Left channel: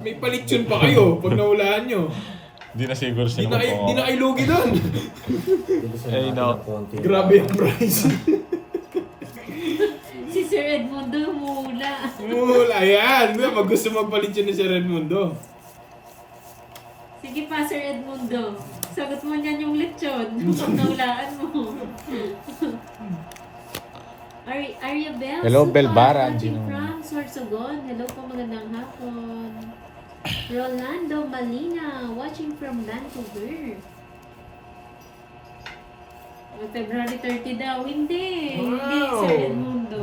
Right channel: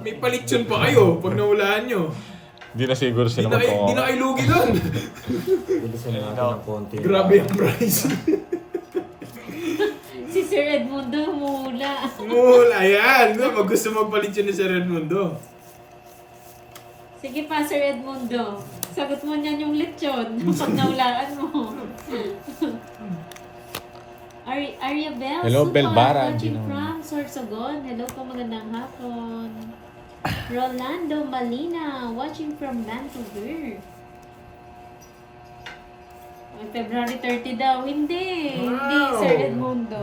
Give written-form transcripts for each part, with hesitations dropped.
May palitson pa kayo pag nahulaan nyo. Hindi na siguro Di sila na kayo lugi doon. Bilisan natin ng konti. Grabe ang price. Si Sir Edmundo humula. Mula, yan. Pag gusto magpalitsyon ni Sir Edmundo. Sige pa, Sir Edmundo. Sagot mo niyan yung lechon pag nahulaan mo. Arya Bell. Hello, Supan, Belbara, watching Gino. from Sorsogon. Hello po, magandang hapon. Rolando Malina, watching from Vancouver. February 30 daw. Hindi. Hindi, Sir Edmundo.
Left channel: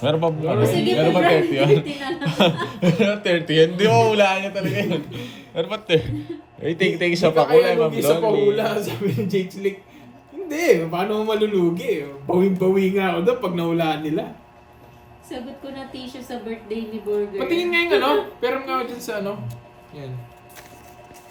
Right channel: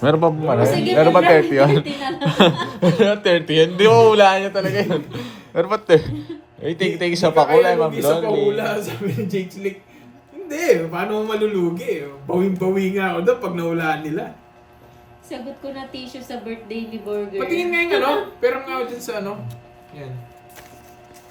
Meron ba O, sige, Meron ba 30 yun? February 30 na lang. 30 yun? Hindi mo hulaan niya talaga yun. Meron ba 30? Ay, take sa pakulay, Ma'am Lugi sa pahula, Lonely. sabi ni Jake Slick. Hindi, paano mo malulugi? Bawing-bawi nga ako doon pag nahulaan nila. Sagot ko na tissue sa birthday ni Burger. Patingin nga yung ano, pero nga ako dyan sa ano. Yan.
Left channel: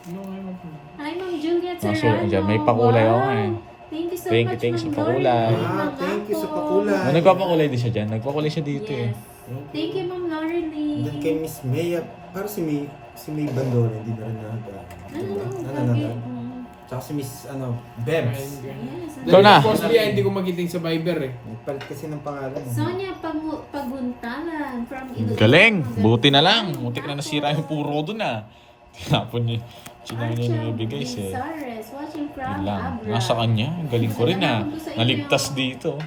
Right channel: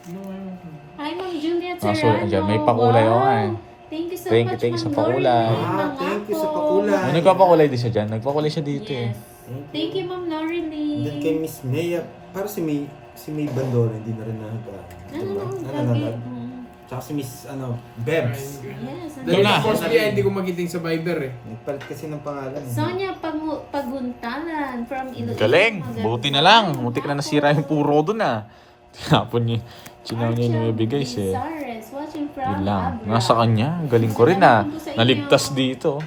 Ano nga yung... Hi, Ma'am Juliet Ah, Serrano. so, dyan, may pakulay ako nga eh. Thank you so Thank you, much, thank you sa Ma'am pakulay. Lauren. Ah, thank you sa pakulay. Oh, nagpapakulay din siya dyan. Nagpakulay siya dito eh. Yes. Thank you, Ma'am Lauren Lee. Then kay Miss Maya, para si May Bandone, hindi na rin nakagaan. Lagi. Tsaka si Miss, Bebs. Yes. Ikaw na. Possibly, hindi ko magiting sa Viber eh. Nagpalit kasi ng pangalan. Sonia Paguntalan from Iloilo. Galing. Buti na lang. Buti ka na nasira yung puro doon ah. Tinapon niya. Sino yung nabigay siya. Sares, watching from Yun lang. Abra. Nasa kanya. Galing ko rin ah. Naligtas dito.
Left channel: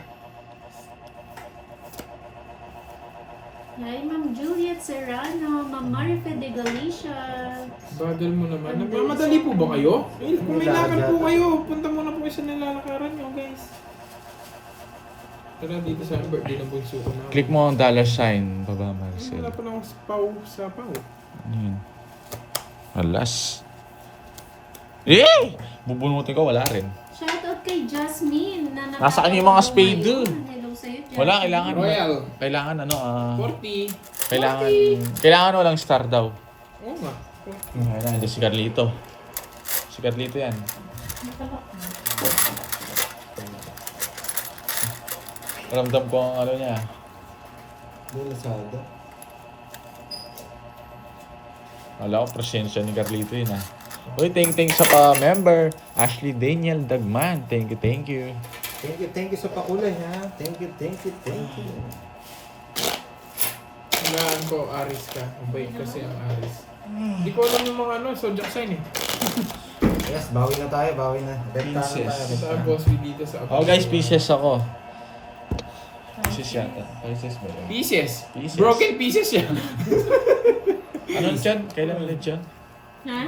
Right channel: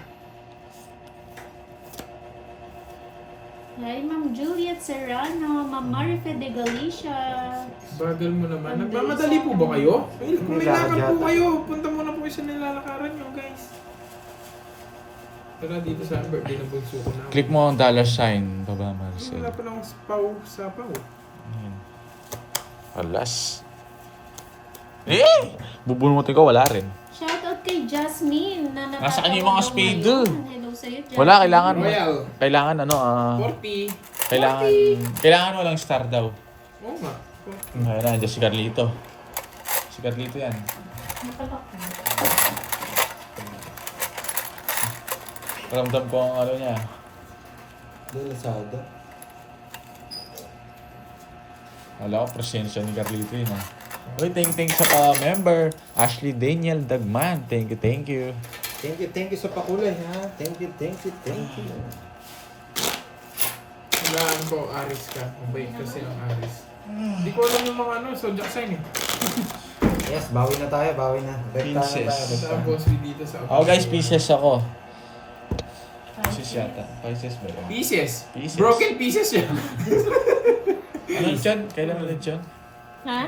Hi, Ma'am Juliet Serrano, Ma'am Marife de Galicia. Bagal mo naman. Nagmamadali po ba kayo? Eh, kung may lakad po kayo, punta muna po kayo sa nilalakaran nyo, guys. Tara dito sa birthday ng bunso ko na. Click mo ang dollar sign. Baba Marcel. Wala pa lang akong spaw sa paw. Alas. Eh! Bubulutin ko, wala rin. Shoutout kay Jasmine na Nasa kanya yung mga spade ngayon. doon. Hello sa'yo, Jasmine. Wala, kailangan. Royal. Kailangan 40. Kailangan walang star daw. Oo nga. Ayun na, andyan si Carlito. Si Carlito yan. Ramdam ko ang ano niya. Doon Lazada. Wala ko, presensya ni Carlito yun ah. Uy, thank sa pa-member. Ashley Daniel Dagman. Thank you. Thank you sa pakulay ha. Thank you. Kailangan ko, Aris ka. Mabait kasi ang Aris. Hindi ko alam yung mga zodiac sign eh. Yes, bawi na tayo. Repta na Princess. tayo. Sa boss dito sa Oh guys, pieces ako. Pieces yata. Pieces ba yun? Pieces. Pieces. Broken pieces yan. Ano yun? Kailan ulit yun? Ha?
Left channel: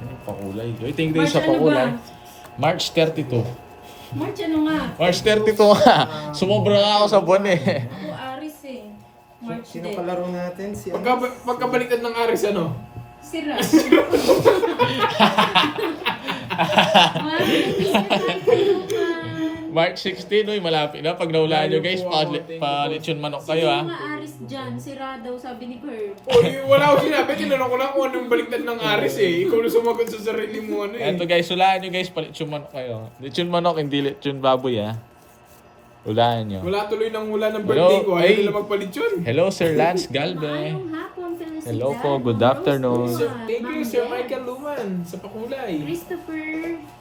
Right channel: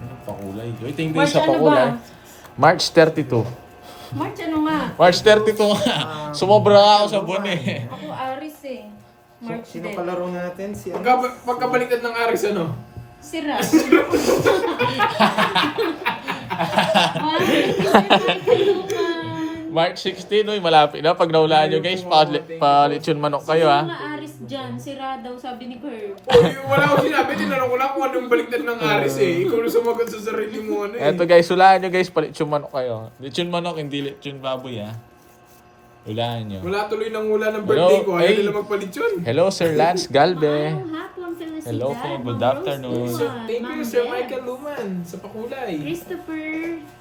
Ano pakulay? Uy, thank March sa ano pakulay. ba? March 32. March ano nga? March 32 nga. Sumobra ako sa buwan eh. Ako Aris eh. March Sino din. palaro natin? Si Pagkabaliktad ng Aris, ano? Sira. March 16, uy, malapit na. Pag naulaan nyo guys, palitsyon manok kayo ha. Mga Aris dyan, sira daw sabi ni Herb. Uy, wala ko sinabi. Tinanong ko lang kung anong baliktad ng Aris eh. Ikaw na sumagot sa sarili mo ano eh. Eto guys, hulaan nyo guys, palitsyon manok kayo. Litsyon manok, hindi litsyon baboy ha. Hulaan nyo. Wala tuloy ng hula ng birthday ko. Ayaw Ay. nila magpalitsyon. Hello Sir Lance Galve. Maayong hapon, felicidad. Hello po, good Ma'am afternoon. Rose Luman, Thank you, Ma'am Sir Beth, Michael Luman, sa pakulay. Christopher.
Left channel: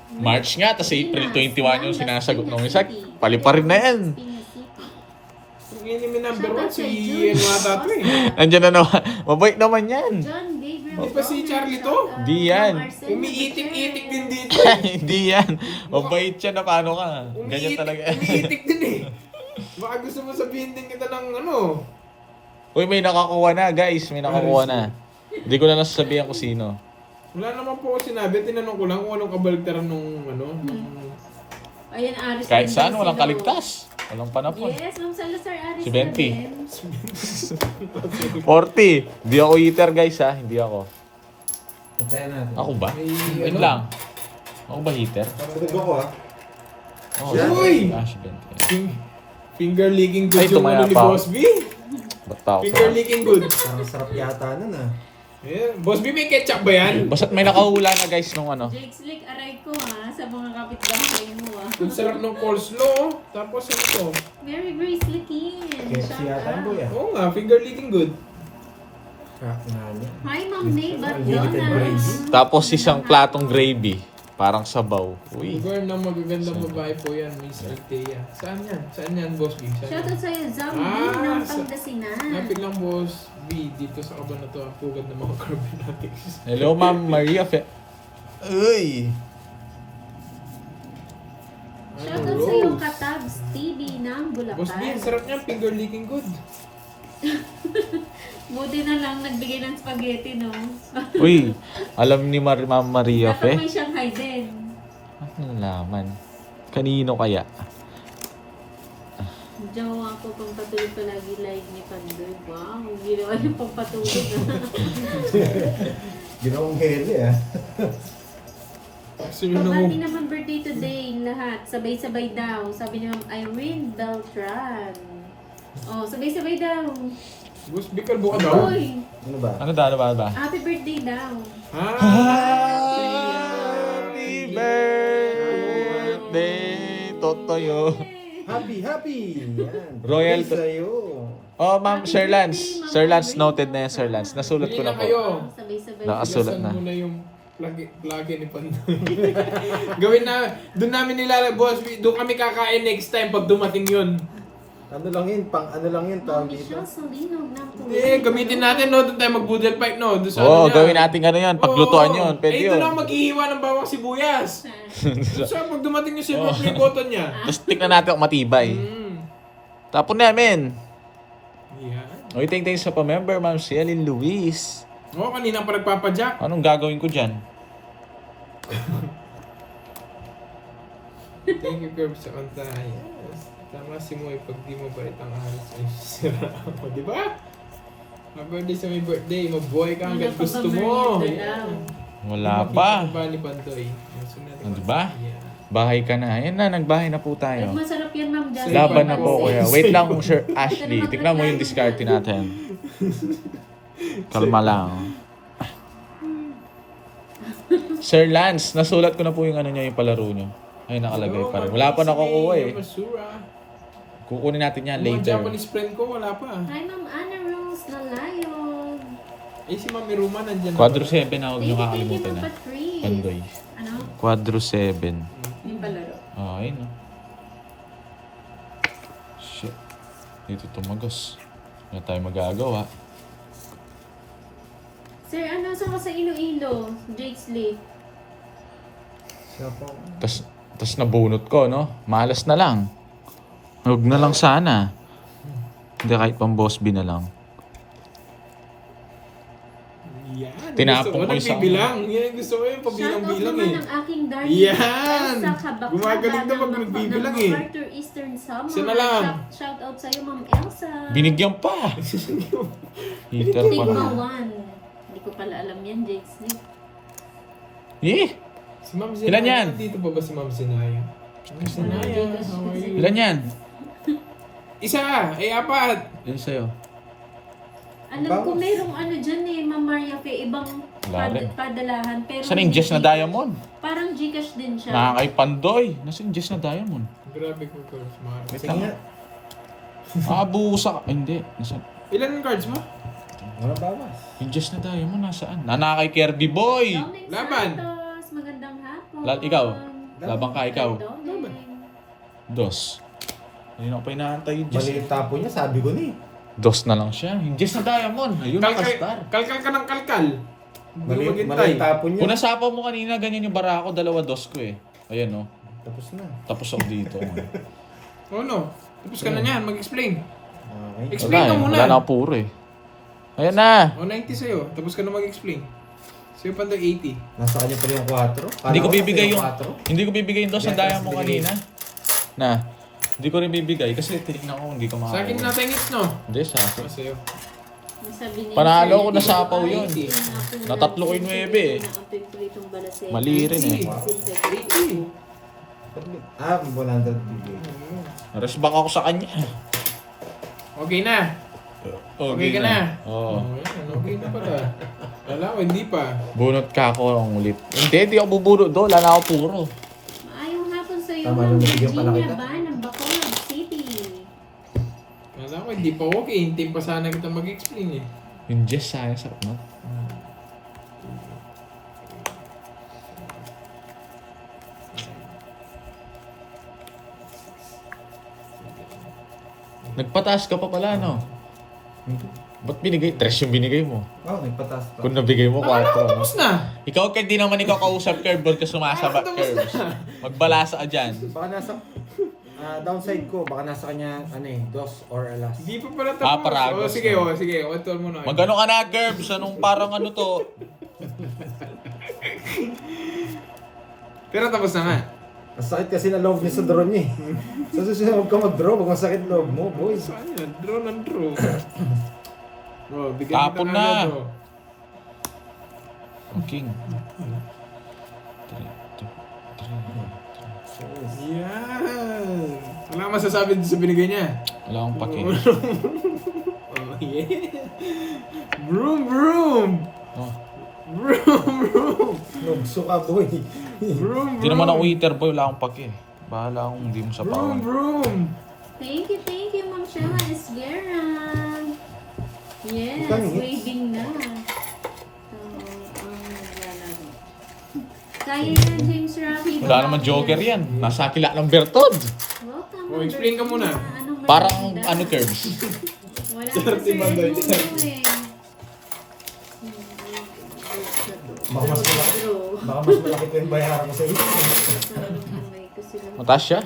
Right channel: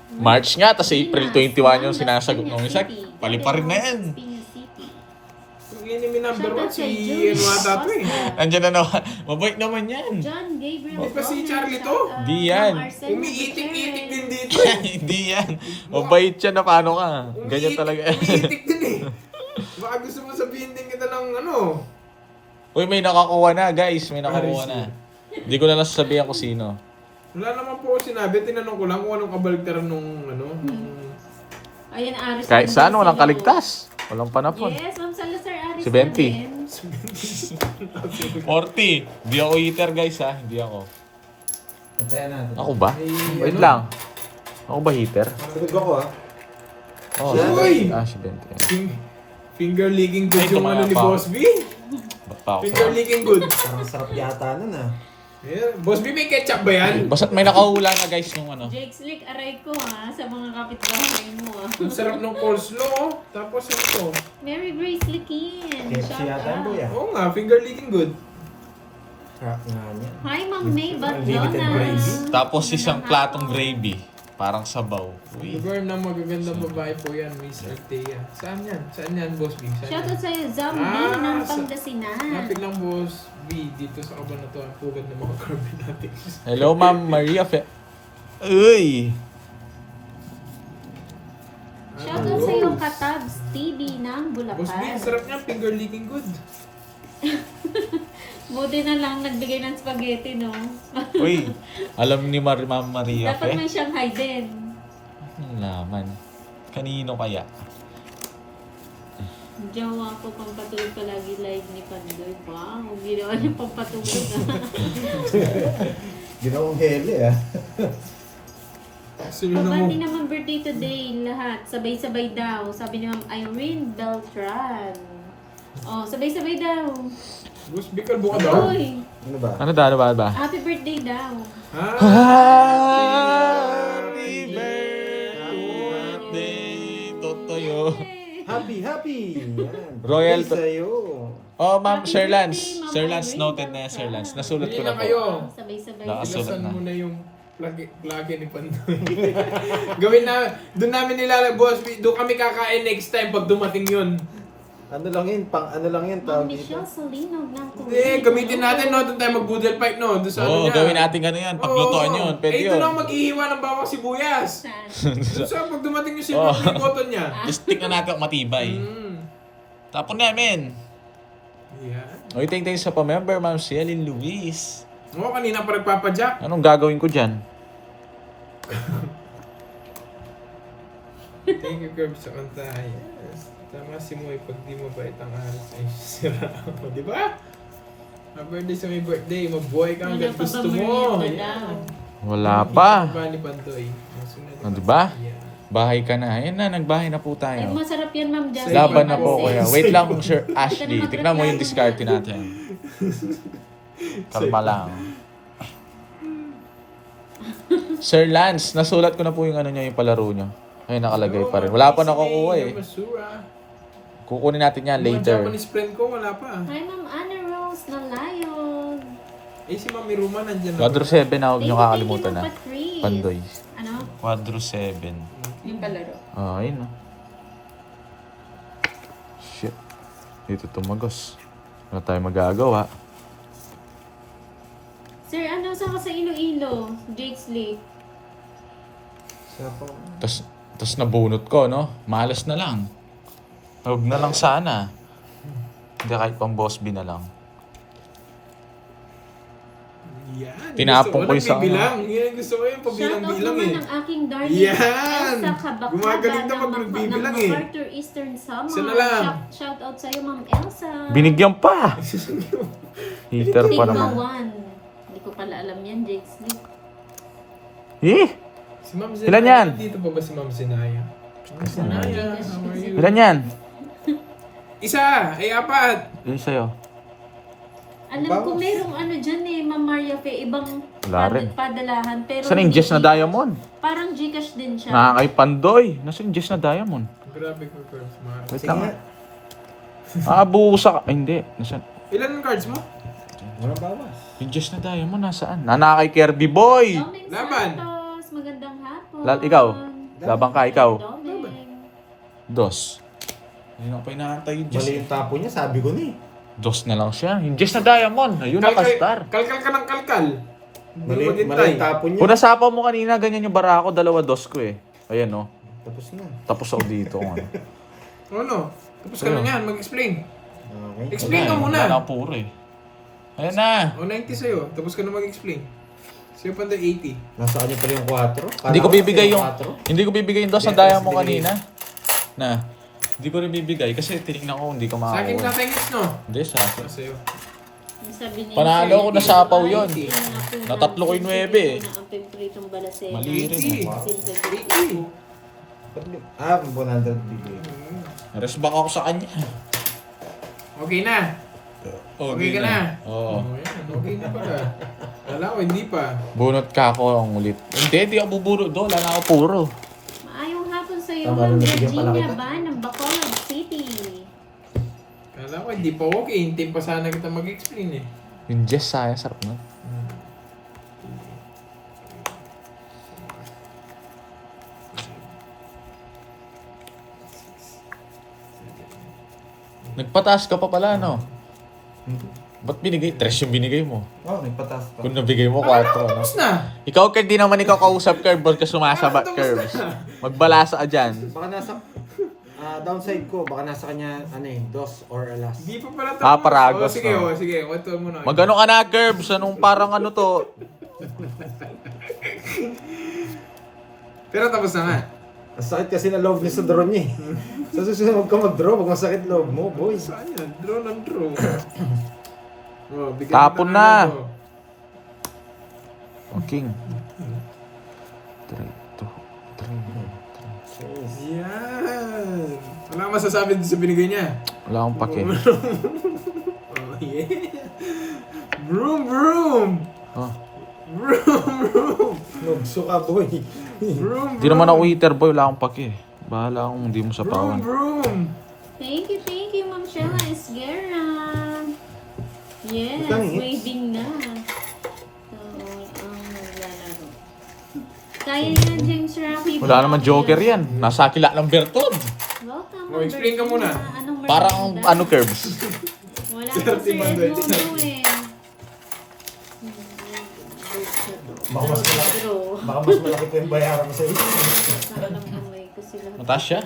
March nga, tas April 21 yung sinasagot ng isa. Pali pa rin na yan. Yung enemy number 1, si Enwata to eh. Andiyan na naman. Mabait naman yan. John Gabriel. Di ba si Charlie to? Di yan. Umiitik-itik din dito eh. Hindi yan. Mabait siya na paano ka. Ganyan talaga. Umiitik din eh. Baka gusto mo sabihin din kita ng ano. Uy, may nakakuha na guys. May nakakuha na. Hindi ko na nasasabihan kung sino. Wala naman po ako sinabi. Tinanong ko lang kung anong kabaligtaran nung ano. Ayan, Aris. Kahit din saan, daw walang sila. kaligtas. Walang panapon. Yes, Ma'am Salazar Aris. Si Benti. na din. 40. Hindi ako eater guys ha. Hindi ako. Puntayan natin. Ako ba? Ay, Wait ano? lang. Ako ba heater? Sagot ako ha. Oh, Uy! Ah, si Bente. Finger licking good Ay, yung ano ni tumaya pa. Boss B. Ba't pa ako Finger sa... licking good. Parang sarap yata nun ah. Yeah. Boss B, may ketchup ba yan? Basta't may nakahula na guys nung ano. Jake Slick, aray ko ha, sa mga kapitbahay mo ah. Ang sarap ng coleslaw. Oh. Tapos ito. Mary Grace Likin. KFC yata ang boy ah. Oo nga, finger licking good. Crack nga niya. Hi, Ma'am May Unlimited Batlonas. gravy. Tapos isang platong gravy. Parang sabaw. Uy. Lugar ng magagandang babae po yan, Miss Althea. Saan yan? Saan yan, Boss B? Saan Shoutout yan? sa'yo, Zambi Ah, ng sa- Pangasinan. Lapit lang, Boss B. Dito sa kaban na to, ang pugad ng mga carbonatics. Hello, Ma'am Maria Uy! Shoutout sa'yo, Katabs TV ng Boss B, ang Bulacan. sarap niya. Finger licking good. Buti na lang nagbigay ng spaghetti, no? Uy! Alam ni Ma'am Maria Dapat may Shanghai din. Ang laman. Kanino kaya? Jowa ko pang patulog ka lagi live ni Pandoy. Wow, ginawa niya pang patulog. Ginawang hele ah. Sunod na mo. Pati naman birthday today, lahat. Sabay-sabay daw. Sabi ni Ma'am Irene Beltran. Oh, sabay-sabay daw. Boss B, kalbo ka daw. Uy, Ano ba? Ano ba? happy birthday daw. Happy birthday, Totoyo. Happy! Yan. Royal Happy sa'yo. Oh, Ma'am Happy Sir Lance. birthday, Ma'am Sir Lance, Irene. noted na yan, Sir Lance. Nasulat ko Bili na po. kayo. Sabay-sabay. Nakasulat Ilasan na. mo na yung lagi ni Pandoy. Gawin na, doon namin nilalagay, Boss B. Doon kami kakain next time pag dumating yun. Ano lang yun? Ano lang yun? Ma'am Tawag dito. Michelle Salinog ng Hindi, gamitin natin, no? Doon tayo mag-boodle pipe, no? Doon sa Oo, ano niya. gawin natin ano yan. Paglutuan yun. Pwede eh, yun. doon ako maghihiwa ng bawang sibuyas. Doon sa pag dumating yung silver play button niya. Tapos tignan natin kung matibay. Tapon namin. Yeah. O, thank sa pa-member, Ma'am Cielin Luis. Oo, kanina pa nagpapadyak. Anong gagawin ko dyan? Thank you, Curb, sa kanta. Yes. Tama si Moy, pag di mo bait ang aras ay sira ako, di ba? Happy birthday sa may birthday, mabuhay ka hanggang gusto mo. Yan. Wala pa. Ba ni Pandoy? Nasunod Oh, di ba? Yeah. Bahay ka na. Ayan na, nagbahay na po Ay, tayo. masarap yan, Ma'am Jasmine. Laban na po, Kasi- kuya. Wait lang, Sir Ashley. Tignan mo yung discarte natin. Kalma lang. Sir Lance, nasulat ko na po yung ano niya, yung palaro niyo. Ay, nakalagay pa rin. Wala pa nakukuha eh. Basura. Kukunin natin yan Mga later. Japanese friend ko, wala pa. Hi, Ma'am Anna Rose ng Lion. Eh, si Mami Ruma nandyan na. Quadro 7 na, huwag niyo Thank you, kakalimutan na. Ma'am Patrice. Pandoy. Ano? Quadro 7. Yung palaro. Oh, ayun. Oh. Shit. Dito tumagos. Wala tayong magagawa. Sir, ano? Saan ka sa Iloilo? Jake's Lake. Sapa. Tas nabunot ko, no? Malas na lang. Huwag na lang sana. Hindi, kahit pang boss B na lang. Yan. Tinapon ko gusto yung sa- nagbibilang. Yan ang gusto ko yung pabilang-bilang Shoutout eh. naman ng aking darling Yan! sa Kabakaba Gumagaling na pag nagbibilang eh. MacArthur Eastern Summer. Isa na lang. Shoutout sa'yo, Ma'am Elsa. Binigyan pa! Heater pa Sigma naman. 1. Hindi ko pala alam yan, Jake's Lake. Eh! Si Ma'am Ilan Zenaya. yan? Dito pa ba si Ma'am Zenaya? Ma'am Zenaya, how are you? Ilan yan? Isa! Ay, apat! Ilan sa'yo? Alam ko merong ano dyan eh, Ma'am Maria Fe, ibang Wala rin. padalahan. Pero Saan yung hindi Jess na Gcash. diamond? Parang Gcash din siya. Nakakay Pandoy. Nasaan yung Jess na diamond? Grabe ko, Curbs. Mahal. Sige nga. Busa ka. Ay, hindi. Nasaan? Ilan ang cards mo? Walang bawas. Yung Jess na diamond nasaan? Nanakay Kirby Boy! Doming Laban. Santos, magandang hapon. Ikaw? Labang ka, ikaw? Doming. Dos. Ayun ako pa inaantay yung Jess. Mali yung tapo niya, sabi ko ni. Dos na lang siya. Yung Jess na diamond. Ayun, nakastar. Kalkal ka ng kalkal. Mali Hindi yung maghintay. tapo niya. Kung nasapa mo kanina, ganyan yung bara ako, dalawa dos ko eh. Ayan oh. Tapos na. Tapos ako dito. Oh no. Tapos ka na yan, mag-explain. Okay. Explain ka muna. Wala na puro eh. Ayan na. O 90 sa'yo, tapos ka na mag-explain. Sa'yo pa 80. Nasa kanya pa rin yung 4. Hindi ko bibigay yung 4. hindi ko bibigay yung dos ng Yes, diamond binigay. kanina. Na. Hindi ko rin bibigay kasi tinignan ko hindi ko Sa akin makakuha. natingit, no? Hindi sa akin. O sa'yo. Ang sabi niya, Panalo ko na Sir, sapaw yun. ay, Natatlo ko yung 9 eh. ang pipritong balaseng. Mali rin eh. 80. 100 bibigay. Resback ako sa kanya. Okay na. Okay ka na. Oo. Oh, yan. Okay na pala. Wala ko, hindi pa. Bunot ka ako ang ulit. Hindi ako bubunot doon. Wala na ako puro. Ayong hapon sa iyo, Tama, Ma'am nabigyan pala Virginia kita. ba ng Bacolod City? Kala ko, hindi pa okay. Hintayin pa sana kita mag-explain eh. Yung Jess Saya, sarap na. Nagpataas ka pa pala, no? Ba't binigay? 3 yung binigay mo. Oo, nagpataas pa. Kung nabigay mo, 4, no? Tapos na! Ikaw, Kurt, di naman ikaw kausap, Kurt. Ba't ka sumasabat, Kurt? Magbalasa ka dyan. Baka nasa downside ko, baka nasa kanya dos or alas. Hindi pa pala tapos. Paragos, Sige, no? sige. Ito muna. Magano ka na, Curbs? Anong parang ano to? Pero tapos na nga. Ang sakit kasi na loob niya sa draw niya eh. Sa susunod ka mag-draw, pag masakit loob mo, boys. Saan yan? Draw ng draw. Oh, bigyan Tapon kita na. ng ano. King. 3, 2, 3. Yan. Wala kang masasabi sa binigay niya. Wala akong pake. Oh, yeah. Broom, broom. Oh. Broom, broom. Nugso ka, boy. Broom, Hindi naman ako waiter boy, wala akong pake. Bahala akong hindi mo sa Broom, pake. broom. Thank you, Ma'am Shella Esguerra. Yes, Ikaw, hits. waving na. Oo, naglalaro. Kaya yan, James Rafi. Wala naman joker yan. Nasa akila ng Bertod. Welcome. Oh, explain ka muna. Anong Parang merienda? ano, Curbs. Wala Sarap kasi si Mandoy. ano eh. Baka mas malaki. Baka mas malaki pa yung bayaran mo sa iyo. Mataas siya?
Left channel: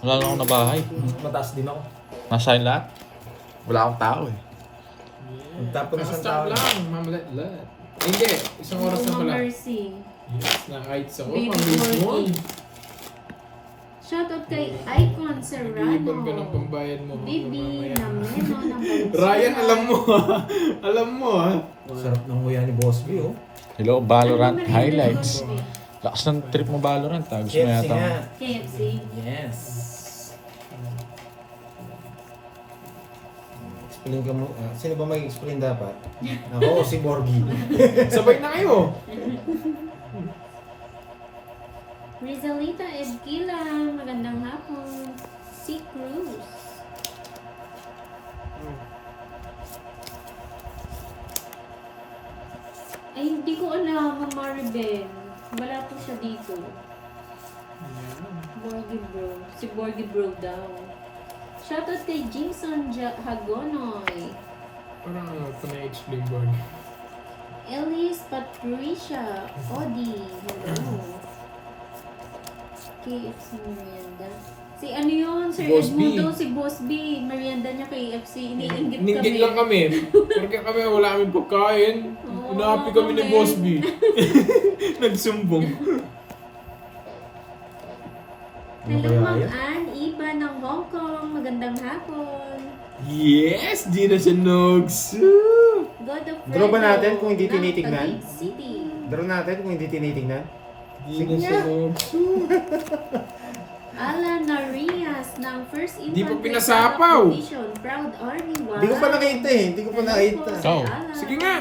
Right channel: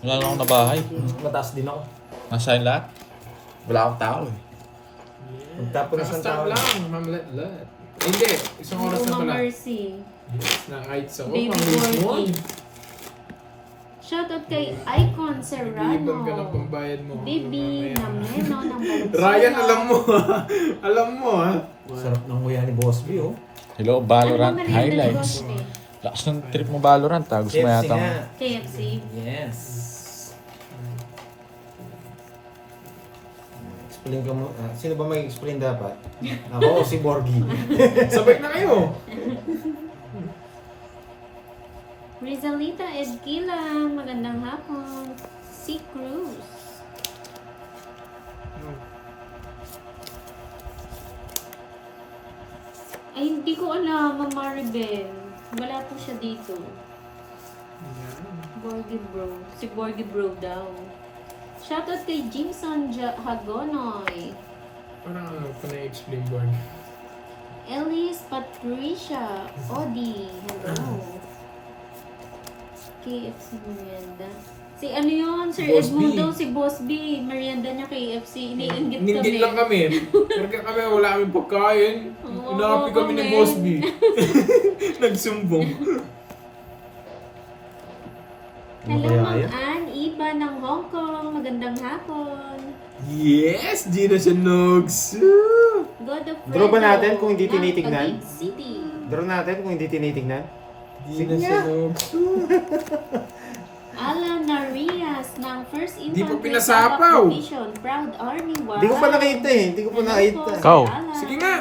Wala na akong nabahay. Mataas din ako. Nasa lahat. Wala akong tao eh. Magtapon na Tapos sa tao. lang, mamlat. Hindi, isang oras na pala. Mercy. Yes, na-heights ako. Baby Pang-release mo. Morty. Shoutout kay Icon Nag-iiban ka ng Serrano. pambayad mo. Bibi mamaya. na Meno ng Valenzuela. Ryan, alam mo ha. Alam mo ha. Sarap ng nguya ni Boss B, oh. Hello, Valorant Anong highlights. merienda ko? Lakas ng trip mo Valorant ha. Gusto mo KFC yata. nga. KFC. Yes. Explain ka mo. Sino ba mag-explain dapat? Ako o si Borgie? Sabay na kayo. Rizalita Edquila. Magandang hapon. Si Cruz. Ay, hindi ko alam, Mama Maribel. Wala po siya dito. Borgie Bro. Si Borgie Bro daw. Shoutout kay Jimson Hagonoy. Parang ano ko na-explain board. Elise Patricia Odi. Hello. KFC merienda. Si ano yun? Sir Boss B. Edmundo, si Boss B. Merienda niya KFC. Iniinggit kami. Ninggit lang kami. Porque kami wala kami pagkain. Oo, Inapi kami ni kami. Boss B. Nagsumbong. Ano Hello, kaya Ma'am yan? Ann Iba ng Hong Kong. Magandang hapon. Yes! Di na siya nugs. God of Draw ba Fredo natin kung hindi ng tinitignan? Taguig City. Draw natin kung hindi tinitingnan. Di na siya nugs. Alan Narias ng First Di pa Infantry pinasapaw. Attack Division. Proud Army. Wow. Hindi ko pa nakita eh. Hindi ko pa nakita. Ikaw. Sige nga.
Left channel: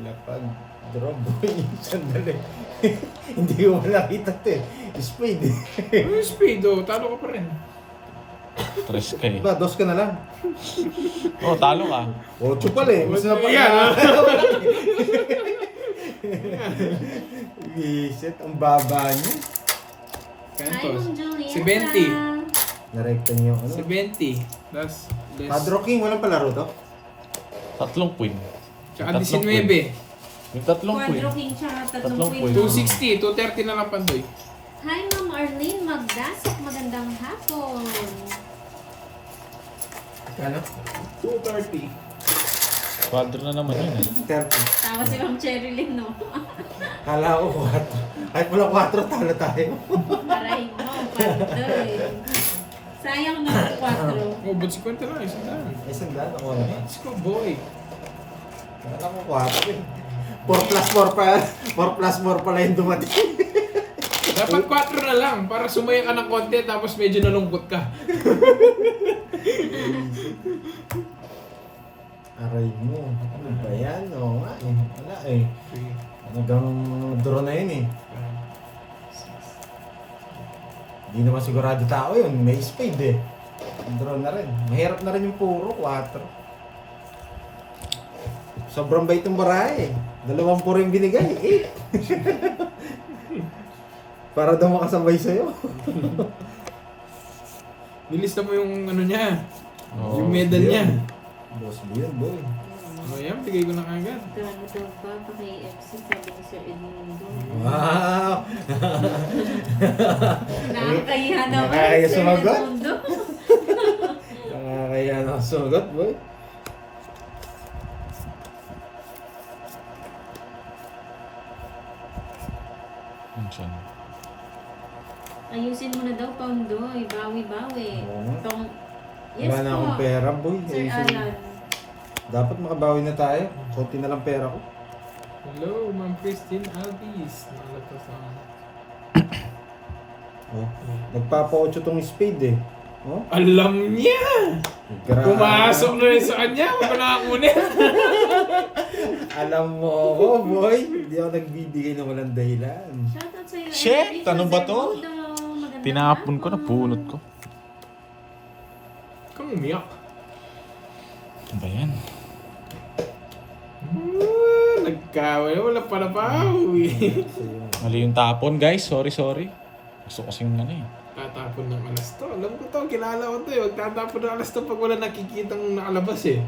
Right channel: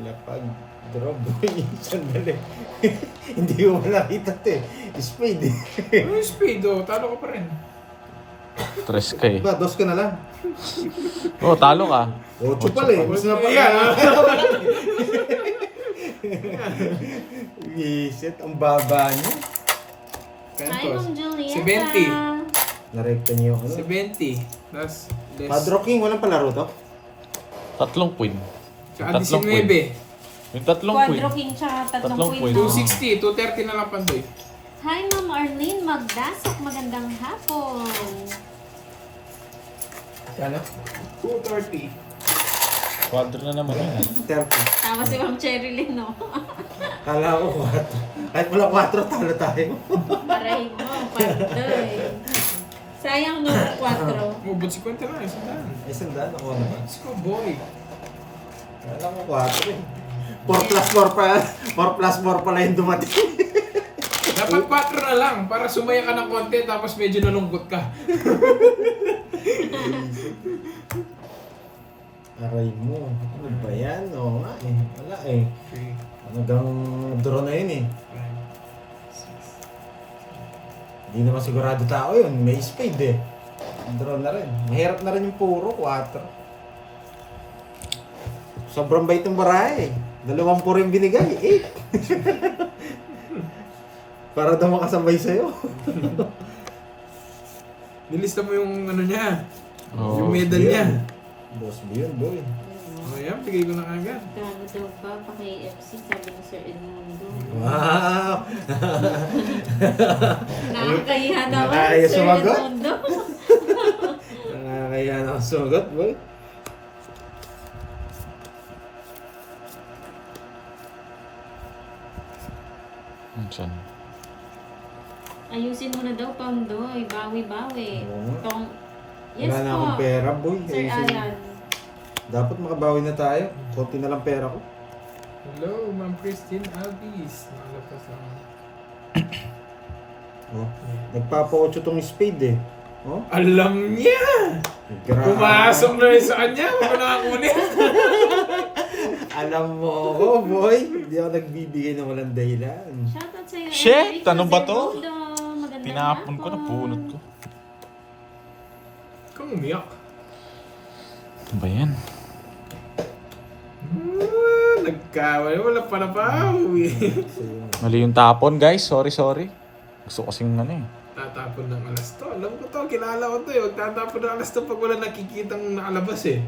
Lapag. Draw boy. Sandali. Hindi ko pa nakita ito eh. Spade eh. Ano yung speed oh? Talo ka pa rin. Stress ka eh. Diba, dos ka na lang. Oh, talo ka. 8 pala eh. Mas na pala. Yeah. Visit, ang baba niya. Hi, Kantos. Ma'am Julieta. Si Benti. Narekta niyo ano. 70. Tapos, less. Padro King, walang palaro to? 3 point. Tsaka Tatlong 19. Yung 3 point. Quadro King tsaka tatlong Tatlong point. point. 260. 230 na lang pandoy. Hi, Ma'am Arlene Magdasok. Magandang hapon. Ano? 230. Quadro na naman yun eh. 30. Tawa si Ma'am Cherilyn, no? Kala ko 4. Kahit wala 4, talo tayo. Paray mo, pandoy. Sayang no, 4. Oh, ba't 50 lang? Isang daan. Ay, sandaan ako naman. Let's go, boy. Kala ko 4 eh. 4 plus 4 pa. 4 plus 4 pala yung dumating. Dapat 4 na lang para sumaya ka ng konti tapos medyo nalungkot ka. Aray mo. Ano ba yan? Oo nga eh. Wala eh. Hanggang draw na yun eh. Hindi naman sigurado tao yun. May spade eh. Draw na rin. Mahirap na rin yung puro, 4. Sobrang bait yung barahe. 2 puro yung binigay, 8. Para daw makasabay sa'yo. Nilista mo yung ano niya. Oo, Yung medal yun. niya. Boss mo yun, boy. Ayan, bigay ko na agad. Gago daw ba? Paki-FC, sabi ni Sir Edmundo. Wow! Nakakahiya naman, Nakakahiya Sir sumagot? Edmundo. Nakakaya na ako sumagot, boy. Saan? Ayusin mo na daw, Pandoy. Bawi-bawi. Oo nga. Tong... Yes Wala na po, akong pera, boy. Sir Ayusin. Alan. Dapat makabawi na tayo. Konti na lang pera ko. Hello, Ma'am Christine Alvis. Nakalag sa Oh. Nagpapa-8 tong spade eh. Oh, Alam niya! grabe. Pumasok na rin sa kanya. Huwag mo nakakunin. Alam mo ako, boy. Hindi ako nagbibigay ng walang dahilan. Shoutout sa'yo. Shit! Enrico Ano ba to? Segundo. Magandang Tinapon ko, hapon. napulot ko. Kang umiyak. Ano ba yan? Nagkawala. Wala pa na bawi. Mali yung tapon, guys. Sorry. Gusto kasing ano eh. Tatapon ng alas to. Alam ko to. Kilala ko to eh. Huwag tatapon ng alas to pag wala nakikitang nakalabas eh.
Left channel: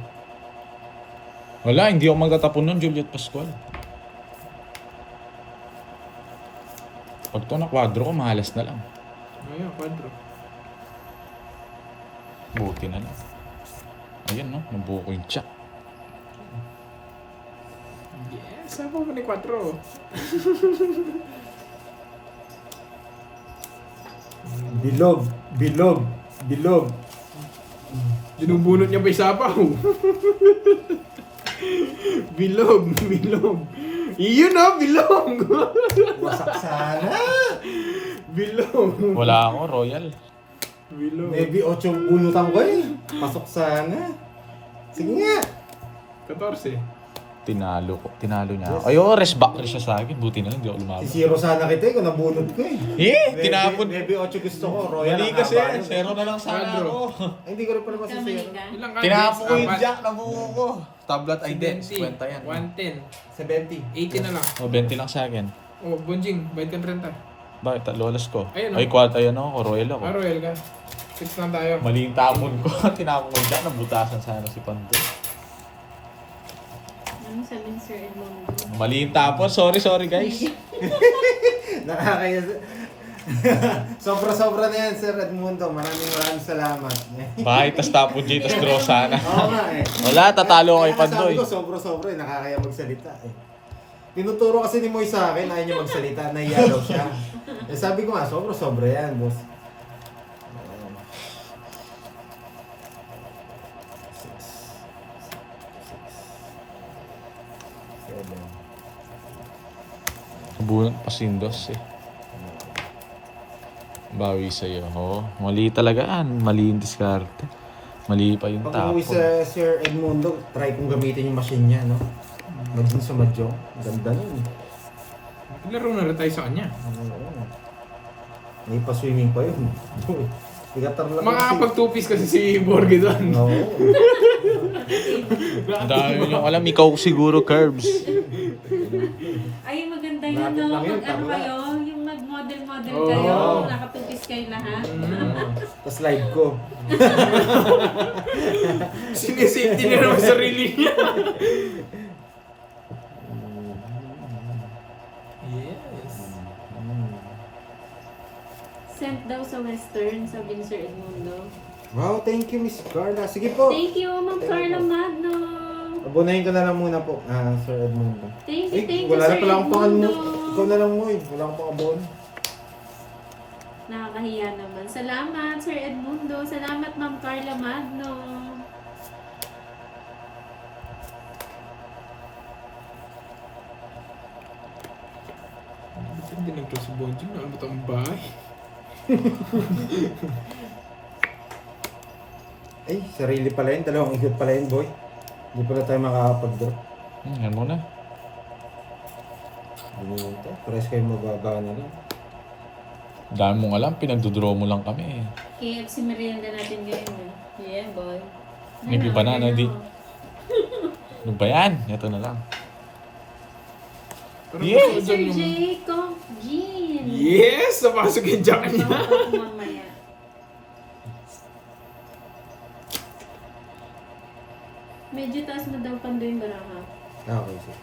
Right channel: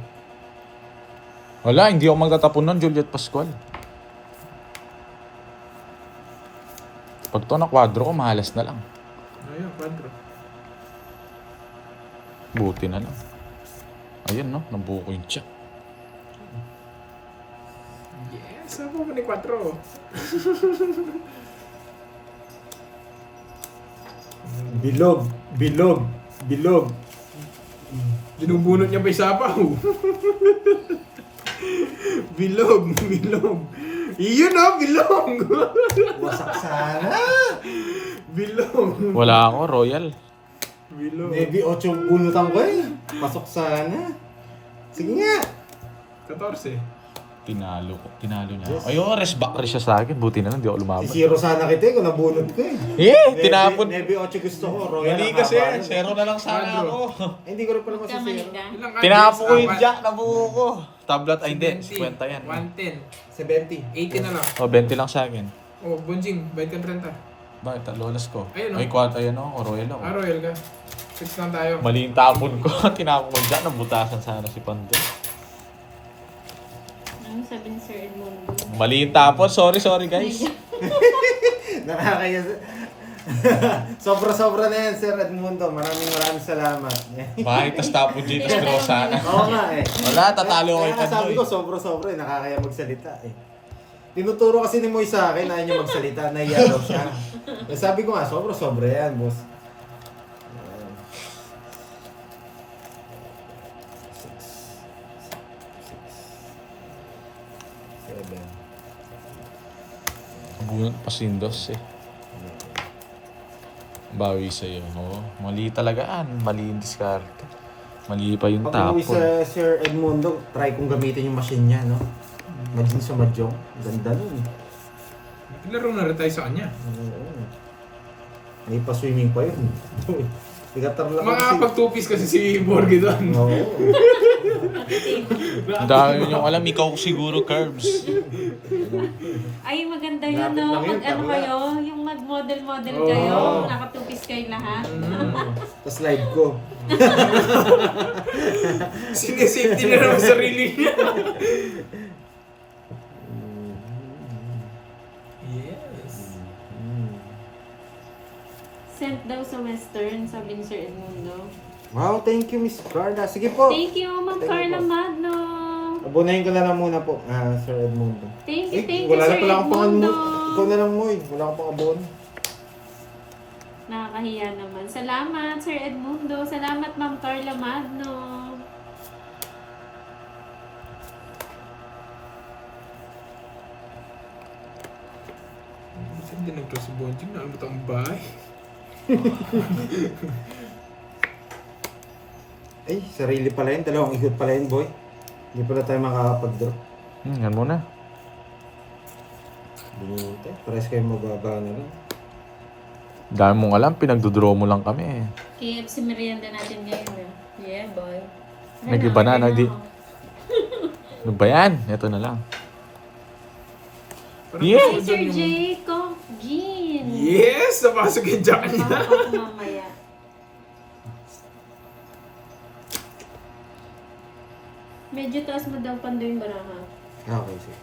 Wala, hindi ako magtatapon nun, Juliet Pascual. Pag to na kwadro ko, mahalas na lang. Ayun, kwadro. Buti na lang. Ayun, no? Nabuo ko yung tsak. Yes, ako pa ni kwadro. Bilog. Binubunot niya pa yung sapaw. Bilog. Iyon o, bilog. Wasak sana. Bilog. Wala ako, Royal. Bilog. Maybe 8 bunutan ko eh. Pasok sana. Sige nga. 14. Tinalo niya Yes. ako. Ayoko, rest back rin siya sa akin. Buti na lang, di ako lumaban. Si Zero sana kita eh, kung nabunot ko eh. Tinapon. Maybe 8 gusto ko. Royal Mali ang kasi, haba nun. zero na lang sana Quadro. ako. Ay, hindi ko rin pala kasi Kamali zero. ka. Ilang ka? Tinapon ko yung Apat. jack, nabuo ko. Tablet ay din, 50 yan. 110. 70. 80 na lang. O, 20 lang sa akin. Oh, Bunjing, 20 30. Bakit? Lolas ko. Ayun, oh. Ay, quad, ayan ako, Royal ako. Ah, Royal ka. 6 lang tayo. Mali yung tapon ko. Tinapon ko yung jack, nabutasan sana si Pando. Ano sabi ni Sir Edmundo? Mali yung tapon. Sorry guys. Nakakaya. Sobra-sobra na yan, Sir Edmundo. Maraming salamat. Bakit? Tas tapon J, tas draw sana. Oo nga eh. Wala, tatalo kay Kaya nga Pando sabi eh. ko, sobra-sobra eh. Nakakaya magsalita eh. Tinuturo kasi ni Moy sa akin, ayaw niya magsalita, nahiya daw siya. Eh, sabi ko nga, sobra-sobra yan, boss. Ayan. 6, 6, 7. Bunot pasindos eh. Bawi sa'yo. Oo, mali talaga yan. Mali yung discard. Mali pa yung Pag tapon. umuwi sa Sir Edmundo, try kong gamitin yung machine niya, no? Maging sumadyong. Ganda nun. Laro na rin tayo sa kanya. Oo. May pa-swimming pa yun. Tigatar lang Makakapag 2-piece kasi si Borgie doon. Oo. Ang dami yung alam, ikaw siguro, Curbs. Ay, maganda yun, Lapit no? lang yun, Mag-ano tarla. kayo? Yung mag-model Oo. kayo. Nakatupis kayo lahat. Tapos live ko. Sinisafety na naman sarili niya. Yes. Sent daw sa Western, sabi ni Sir Edmundo. Wow, thank you, Miss Carla. Sige po. Thank you, Ma'am Thank you Carla po. Magno. Abunahin ko na lang muna po, Sir Edmundo. Thank you, Wala Sir na pala akong pang Edmundo. Ikaw na lang mo eh. Wala akong pang abon. Nakakahiya naman. Salamat, Sir Edmundo. Salamat, Ma'am Carla Magno. Kasi hindi nag-close si Bonjing. Nalabot ang bahay. Ay, sarili pala yun. Dalawang ikot pala yun, boy. Hindi pala tayo makakapag-drop. Yan muna. Buti. Pares kayo mababa na rin. Dami mong alam, pinagdodraw mo lang kami eh. KFC merienda natin ngayon. Ayan, boy. Nag-iba na, no? Ano ba yan? Ito na lang. Parang Yeah. gusto ko Hi, Sir dyan yung... Jacob Jean. Yes! Napasok yung jacket niya. Baka po mamaya. Medyo taas mo daw pando yung baraha. Okay, sir.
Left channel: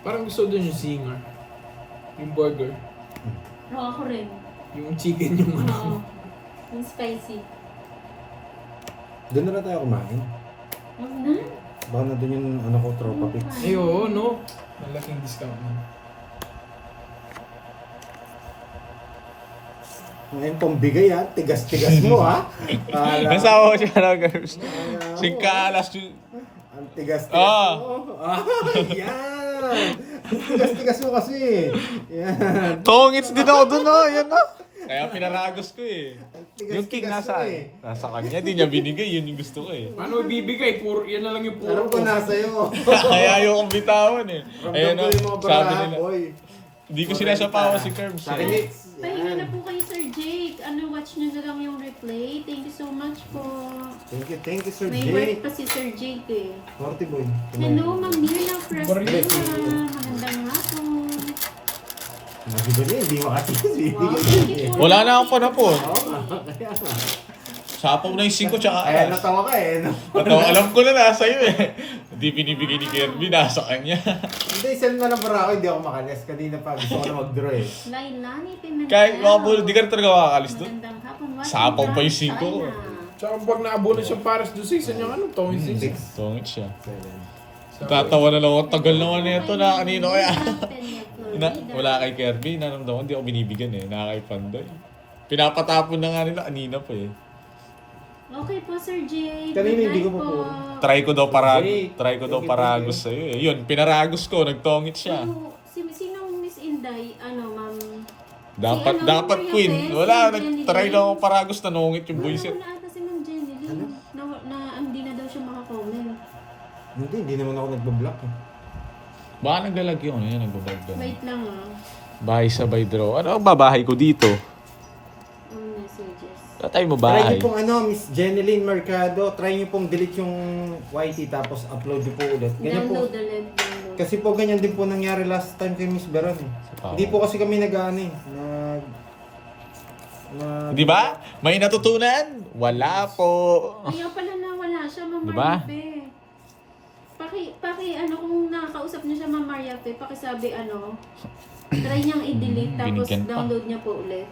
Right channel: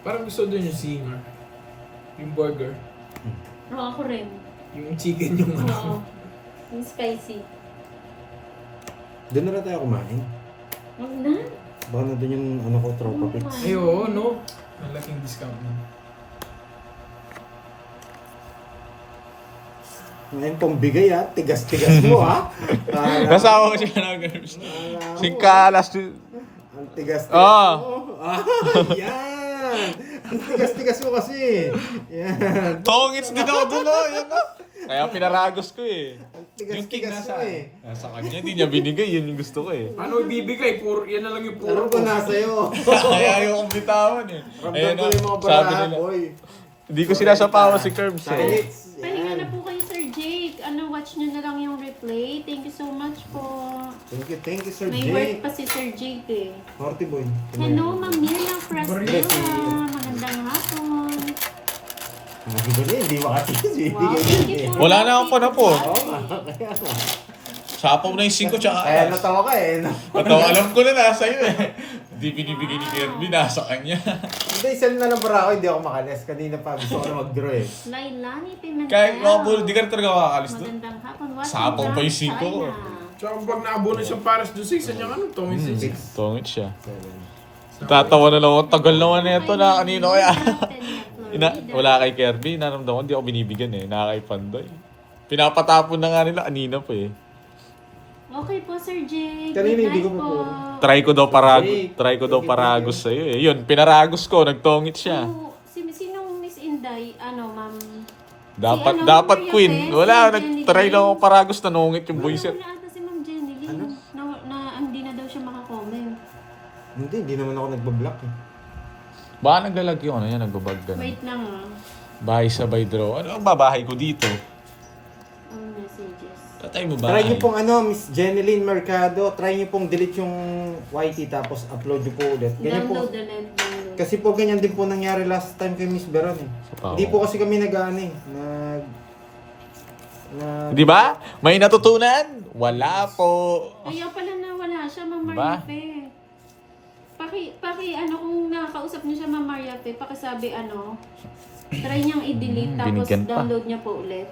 Parang gusto ko dyan yung singer. Yung burger. Oo, ako rin. Yung chicken yung ano. Oo. Yung spicy. Doon na lang tayo kumain. Huwag na. Baka na doon yung ano ko, tropa pits. Ay, oo, no? Ang laking discount na. Ngayon pang bigay ha, tigas-tigas mo ha. Nasawa ko siya na girls. Kala ko, Singkalas. Ang tigas-tigas Ah. mo. Ah, yan. Ang tigas-tigas mo kasi. Yan. Tongits din ako doon, oh. Yan, oh. Kaya pinaragos ko eh. Ang Yung king tigas-tigas mo nasa, eh. nasa kanya, di niya binigay. Yun yung gusto ko eh. Paano ibibigay? Puro, yan na lang yung puro Alam ko nasa'yo. Kaya ayaw kong bitawan eh. Ayun, Ramdam ko oh. yung mga Sabi baraha, nila. boy. Hindi ko sinasapawa si Curbs Sa akin, eh. it's, Pahinga na yan. po kayo, Sir Jake. Ano, watch nyo na lang yung replay. Thank you so much po. Thank you, Sir May work Jake. pa si Sir Jake eh. 40 boy. Hello, Ma'am Miriam Frasdula. Yes. Magandang hapon. Hindi ba niya? Hindi makatigis eh. Wow, thank you po. Wala na akong panapon. Oo nga. Kaya nga. Sapaw na yung 5 tsaka Kaya alas. natawa ka eh. No? Alam ko na nasa iyo eh. Hindi binibigay ni Kirby, nasa kanya. Hindi, send na lang para ako. Hindi ako makalis. Kanina pa. Gusto ko na mag-draw eh. Lailani Pimentel. Kahit mga bulo, di ka na talaga makakalis doon. Magandang hapon. Watching Sapaw pa yung from 5 ko. China. Tsaka pag naabunan siyang Paris do 6, yan yung ano, Tommy 6. Tungit siya. 7. Tatawa na lang ako. Tagal naman na ito na kanino kaya. Ina, Wala kay Kirby, naramdaman ko, hindi ako binibigyan eh. Nakakay Pandoy. Pinapatapon na nga nila kanina pa eh. Okay po, Sir Jake. Kanina Good hindi ko night pa po. po. Try ko daw paragos sa iyo eh. Yun, pinaragos ko, nagtongit siya. Oh, sinong Miss Inday? Ano, ma'am? Dapat Si ano, dapat Maria queen. Tess, Wala, si nag-try Jenny lang ako James. paragos, nanungit yung boyset. Wala ata si Ma'am Jenny Lynn. Ano? Na hindi na daw siya makakomment. Hindi naman ako nagbablock eh. Baka naglalag yung ano yan, nagbabag ganun. Wait lang ah. Bahay sabay draw. Ano ang babahay ko dito? Ang messages. Wala tayo mo Try bahay. niyo pong ano, Miss Jeneline Mercado, try niyo pong delete yung YT tapos upload niyo po ulit. Ganyan po. Download the link. Kasi po ganyan din po nangyari last time kay Miss Beron eh. pa Hindi ako. po kasi kami nag-ano eh. Di ba? May natutunan? Wala po. Ayaw pala na wala siya, Ma'am Diba? Mariape. Ano kung nakakausap niyo siya, Ma'am Mariape, pakisabi ano, try niyang i-delete tapos binigyan pa. download niya po ulit.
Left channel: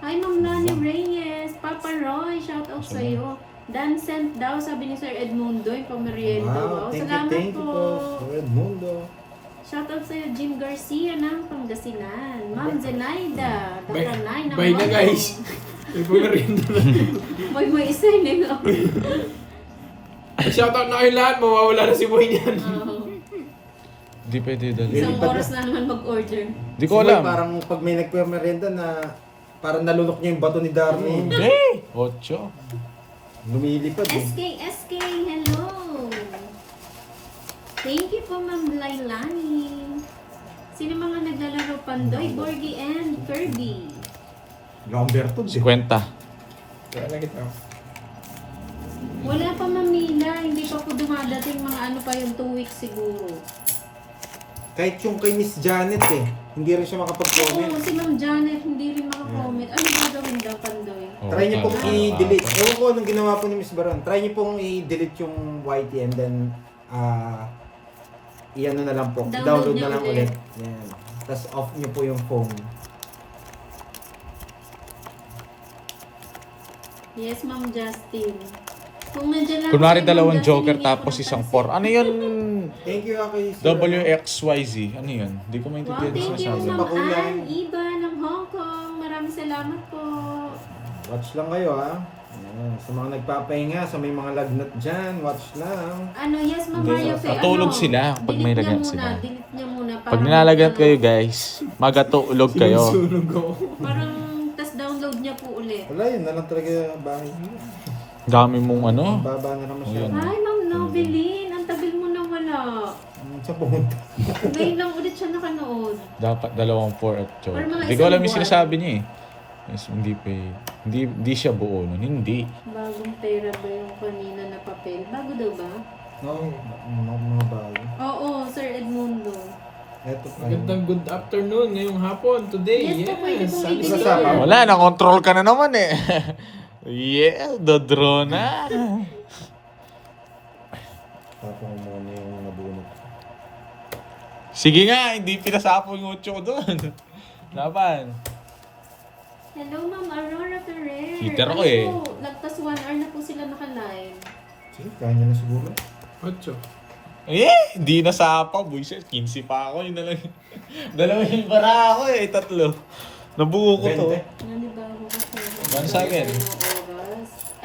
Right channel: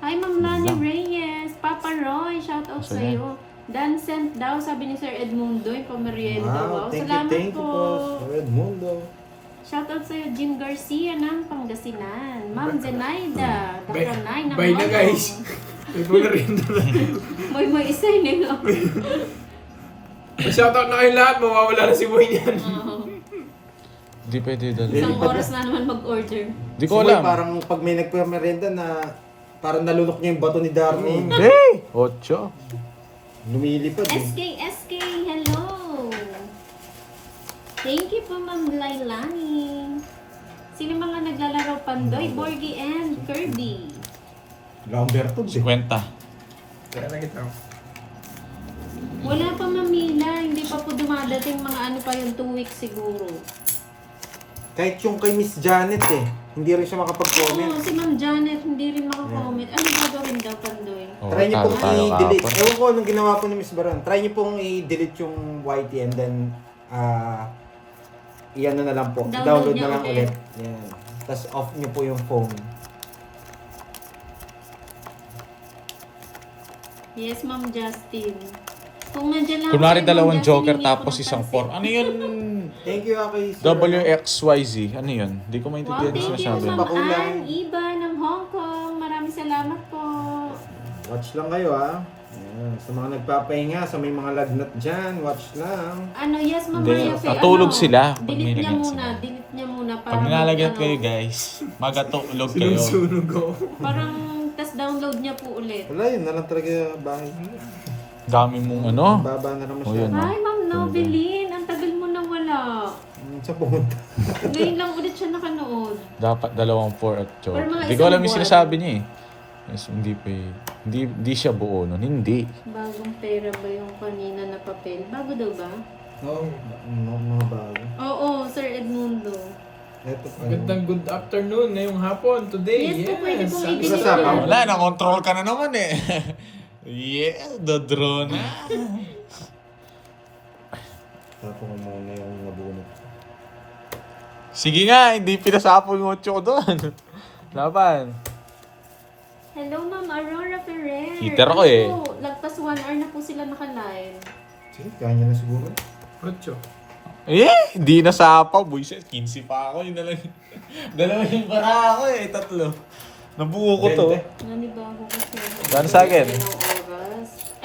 Hi, Ma'am Lani Reyes. Papa Roy, shout out sa iyo. Dan sent daw, sabi ni Sir Edmundo, yung pamerienda. Wow, thank you po, Sir Edmundo. Shout out sa iyo, Jim Garcia ng Pangasinan. Ma'am Zenaida, Bye, Dr. Nine ng bye na Mono. guys. May po na rin. Moy isa nila. Shoutout na kayo lahat, mawawala na si Boy niyan. Hindi pwede dali. Isang oras na naman mag-order. Hindi ko alam. Parang pag may nagpamerenda na parang nalunok niya yung bato ni Darnie. Hindi. 8. Lumilipad eh. SK, hello! Thank you po, Ma'am Lailani. Sino mga naglalaro Pandoy, Borgie, and Kirby? Lamberto eh. 50. Kaya na kita. Wala pa, Mamila. Hindi pa po dumadating mga ano pa yung 2 weeks siguro. Kahit yung kay Miss Janet eh. Hindi rin siya Oo, makapag-comment. si Ma'am Janet hindi rin makakomment. Ano gagawin daw, Pandoy? Oh, Try niyo pong talo-talo i-delete. ka. Ewan ko anong ginawa po ni Miss Baron. Try niyo pong i-delete yung YT and then i-ano na lang po. Download Download niya na lang ulit. ulit. Yan. Tapos off niyo po yung phone. Yes, Ma'am Justin. Kung nandiyan lang Kunwari kayo, Ma'am dalawang Justin, joker hindi ko tapos isang napansin. 4. Ano yun? Thank you ako Sir. WXYZ. Ano yun? Hindi ko Wow, maintindihan thank sa you, sabi. Ma'am Pakulay. Ann Iba ng Hong Kong. Maraming salamat po. Watch lang kayo ha. Ayan. Sa mga nagpapahinga, sa may mga lagnat dyan, watch lang. Ano, yes, Ma'am Hindi, Maria Fe. natulog sila pag may delete niya lagnat muna, sila. delete niya muna. Pag nilalagat kayo guys, magatulog kayo. Sunog ako. Parang, tas download niya po ulit. Wala yun na lang talaga bahay. Dami mong ano. Baba na naman siya. Ayun. Hi, Ma'am Nobeline. Ang tagal mo na wala. Sa pumunta. Ngayon lang ulit siya nakanood. Dapat 2, 4 at Pero mga Hindi ko alam yung isang sinasabi niya eh. Yes, hindi pa hindi siya buo nun. Hindi. Bagong pera ba yung kanina na papel? Bago daw ba? No, mga bago. Oo, Sir Edmundo. Eto pa. Magandang good afternoon ngayong hapon today. Yes, po, pwede pong Sunny i-deliver. Sasapaw. Wala, na-control ka na naman eh. Yeah, dodro na. Tapos ko muna yung nabunot. Sige nga, hindi pinasapo yung 8 ko doon. Laban. Hello, Ma'am Aurora Ferrer. Heater ako eh. Po, lagpas 1 hour na po sila naka-live. Sige, kaya niya na siguro. 8. Eh, hindi nasapaw. Buisit, 15 pa ako. Yun na lang. Dalawa yung para ako eh, 3. Nabuo ko to. 20. Nanibago ko po. Saan sa akin?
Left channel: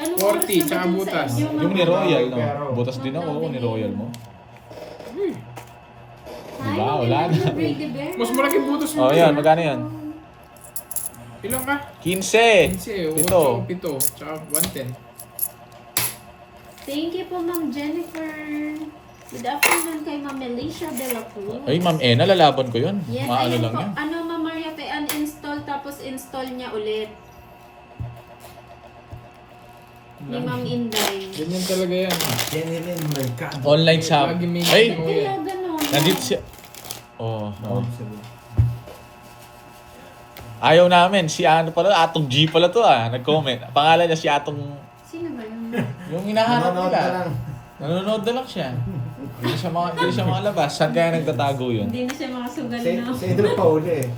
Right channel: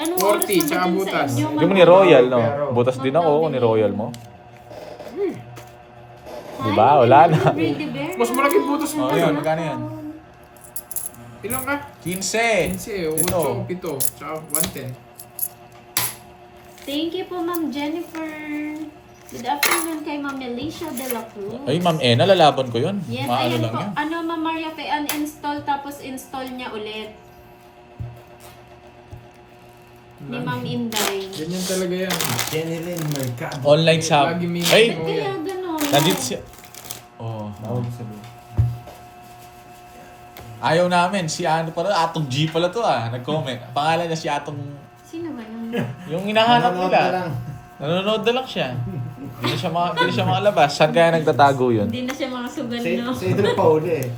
Anong 40, oras na ba tsaka dun sa butas. inyo, Hindi mo Ma'am ni Royal, no? Pero- Butas din ako, ni Royal mo. Hi, Diba? Wala na. Brady Bear. Mas malaki butas mo. Oh, yan. Magkano yan? Ilang ka? 15. 15, Ito. 8, 7, tsaka 110. Thank you po, Ma'am Jennifer. Good afternoon kay Ma'am Alicia De La Cruz. Ay, Ma'am Ena, lalaban ko yun. Yes, Maano ayun lang po. yun. Ano, Ma'am Maria, uninstall tapos install niya ulit. Ni Ma'am Inday. Ganyan talaga yan. General Mercado. Online shop. Lagi may Ay, ano Kaya yan. gano'n. nandito siya. Oh, Ako sabihin. ayaw namin. Si ano pala, Atong G pala to ah. Nag-comment. Pangalan niya si Atong... Sino ba yun? Yung hinahanap Nanonood nila. na lang. Nanonood na lang siya. Hindi na siya makalabas. Saan kaya nagtatago yun? Hindi na siya makasugal Sa no? idol pa uli eh.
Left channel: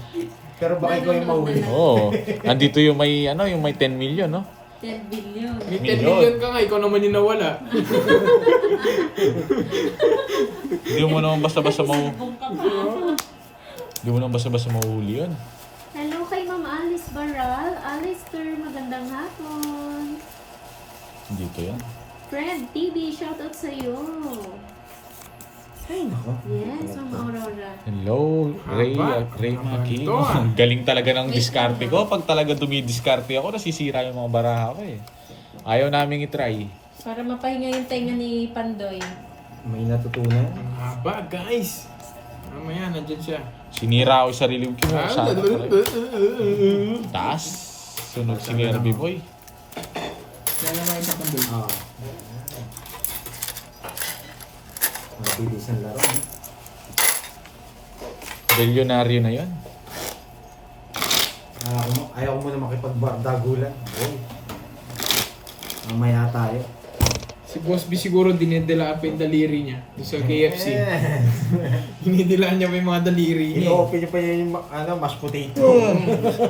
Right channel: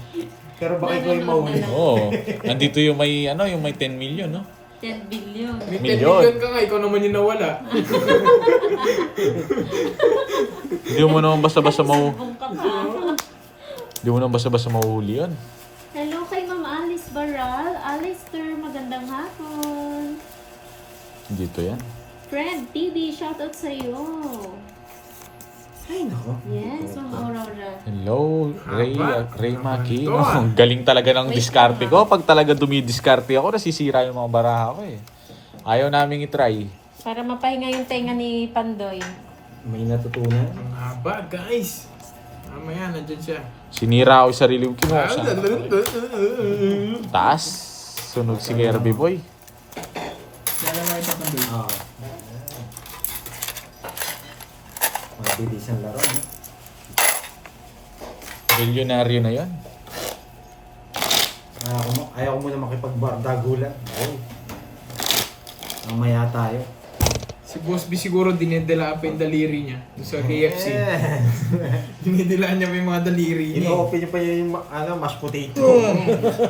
Pero baka ikaw yung mahuli. Oo. Nandito yung may, yung may 10 million, no? 10 billion. May 10 Milyon. million ka nga, ikaw naman yung nawala. Hindi mo naman basta-basta Subong ka pa. Hindi mo naman basta-basta mahuhuli yun. Hello kay Ma'am Alice Baral. Alistair, magandang hapon. Dito yan. Fred TV, shoutout sa'yo. Ay, nako. Yes, Ma'am Aurora. Hello, Ray, Haba. Ray Haba Maki. nito, ah. Galing talaga ng diskarte ko. Pag talaga dumidiskarte ako, nasisira yung mga baraha ko eh. Ayaw naming itry. Para mapahinga yung tenga ni Pandoy. May natutunan. Ang haba, guys. Mamaya, nandyan siya. Sinira ako yung sarili ko. Kinuha ko sana. Taas. Sunog si Kirby Boy. Kaya lang sa pandoy. Oo. Ang bilis ang laro. eh. Bilyonaryo na yon. Ayaw ko muna makipagdagulan. Ay. Mamaya tayo. Si Boss B siguro dinedela up yung daliri niya doon sa KFC. Yes. Hinidilaan niya pa yung mga daliri niya. Ino-open niyo pa yung mashed potato.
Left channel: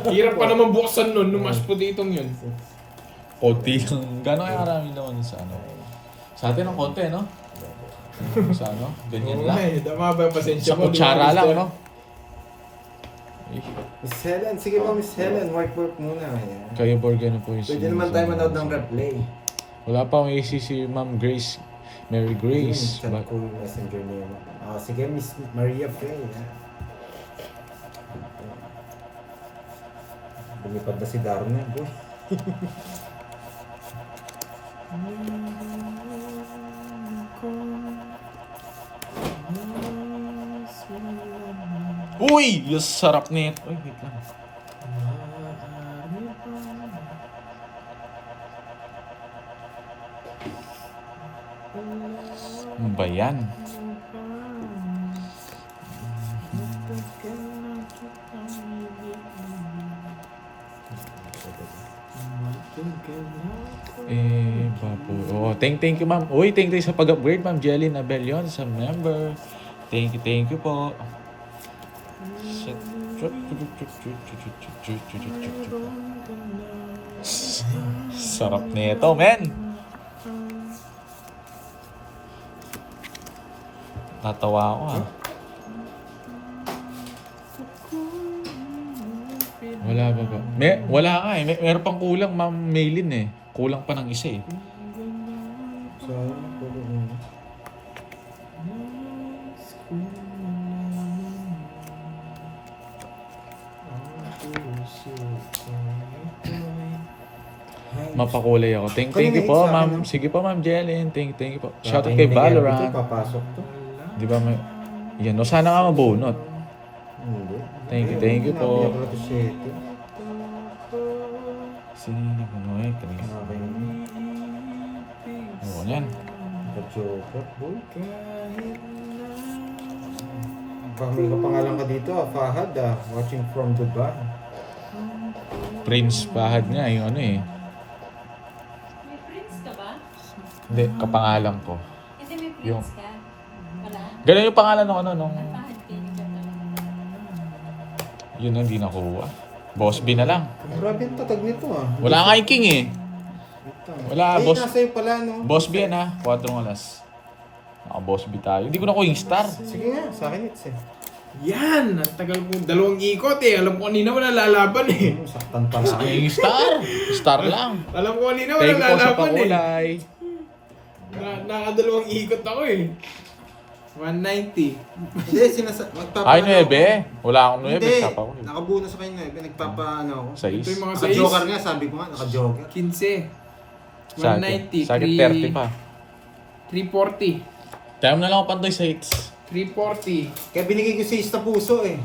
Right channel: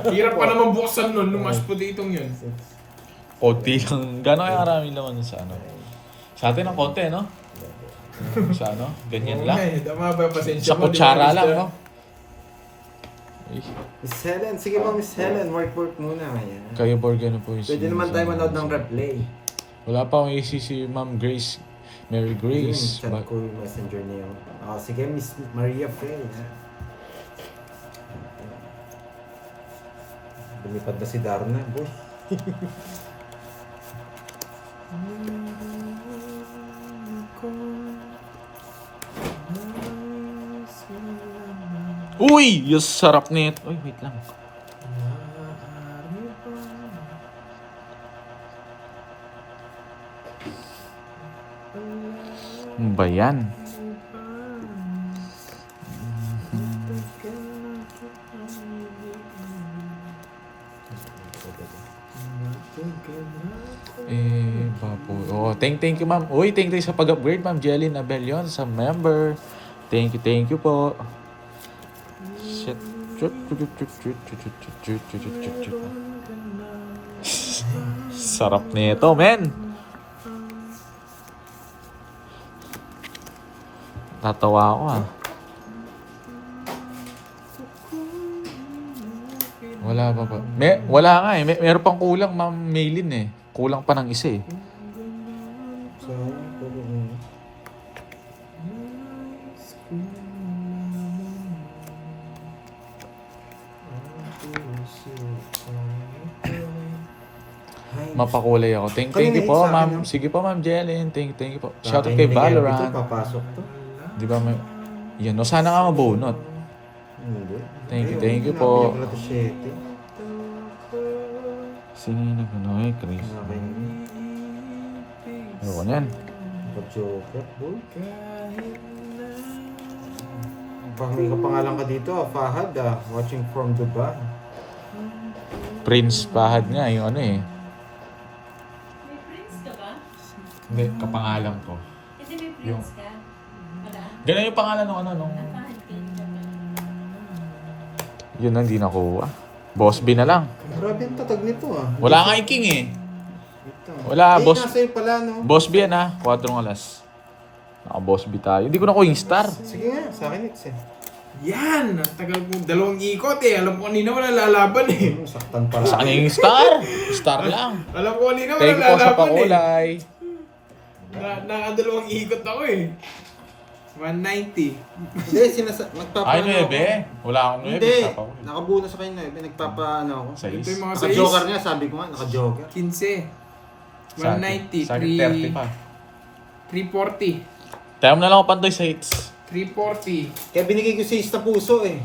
Hirap pa naman buksan nun, nung mashed potato yun. Konti lang. Gano'n kaya maraming laman sa ano? Sa atin ang konti, no? Sa ano? Ganyan lang. Ay, tama ba yung pasensya Sa mo? kutsara lang, no? Ay, Miss Helen, sige ba Miss Helen, work muna. Ayan. kayo Borg, ano po yung Pwede naman tayo manood ng replay. Wala pa akong AC si Ma'am Grace. Mary Grace. Chat ko yung messenger niya. Sige, Miss Maria Frey. Lumipad na si Darna, boy. Uy! Yung sarap nito. Uy, wait lang. Ano ba yan? Bapo. Oh, thank you ma'am. Uy, thank you sa pag-upgrade ma'am Jelly Abelion sa member. Thank you po. Sarap nito, men. Tatawa ako ah. Wala pa ba? Wala nga eh. Meron pang kulang, Ma'am Maylin eh. Kulang pa ng isa eh. So, Mapakulay ako. Thank you po, Ma'am. Sige po, Ma'am Jelen. Thank you po. Shoutout kay Ito, Valorant. papasok to. Di ba may... Yan, no? Sana nga mabunot. Hindi. Thank you po. Nabiyak na to 7. Sino ko na eh, Chris? Okay. Ano yan? Ka-joker, boy. May kapangalan ka dito, Fahad, watching from Dubai. Prince Fahad nga, yung ano eh. May prince ka ba? Hindi, kapangalan ko. Hindi may prince Yung- ka. Wala. Ganun yung pangalan ng ano, nung... Napahad ka dito. Yun ang di nakuha. Boss B na lang. Grabe ang tatag nito Wala nga yung king eh. Wala, eh, boss. nasa iyo pala, no? Boss B yan ha, 4 alas. Naka-boss B tayo. Hindi ko nakuha yung star. Sige nga, sa akin it's eh. Yan! Ang tagal ko. 2 ikot eh. Alam ko kanina wala lalaban eh. Saktan pala. Sa kanya yung star. Star lang. Alam ko kanina wala Thank you po sa lalaban eh. pakulay. Naka-2 ikot ako eh. 190. Hindi, magpapa... Ay, 9. Wala akong 9. Hindi, Papa ko. nakabuo na sa kanya, nagpapa ano ako. Ito yung 6. mga Naka-joker 6. nga, sabi ko nga, naka-joker. 15. 190. Sa akin 30 pa. 340. Tayo mo na lang ako pantoy sa hits. 340. Kaya binigay ko 6 na puso eh.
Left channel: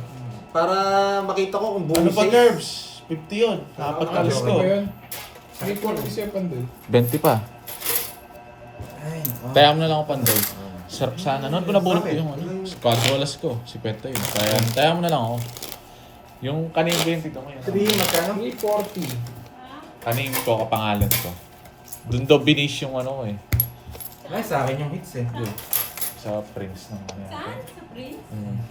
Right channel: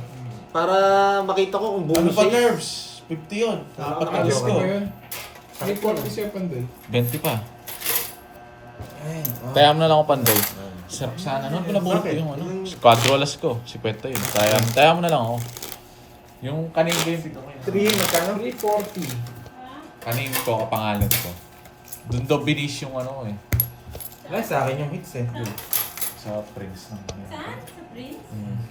Para makita ko kung buo Ano pa six. nerves? 50 yun. Apat na alas Ano ko. Ano ba yun? 340 siya pandol. 20 pa. Ay, Tayo mo na lang ako pantoy. Sarap sana. Noon ko nabulot ko yung ano. Quadro alas ko. 50 yun. Tayo mo na lang ako. Yung kanin ko yung tignan mo yun. 3, magkano? 340. Kanin ko, kapangalan ko. Doon daw binish yung ano ko eh. Ay, sa akin yung hits eh. Sa Prince ng ano yan. Saan? Sa prince?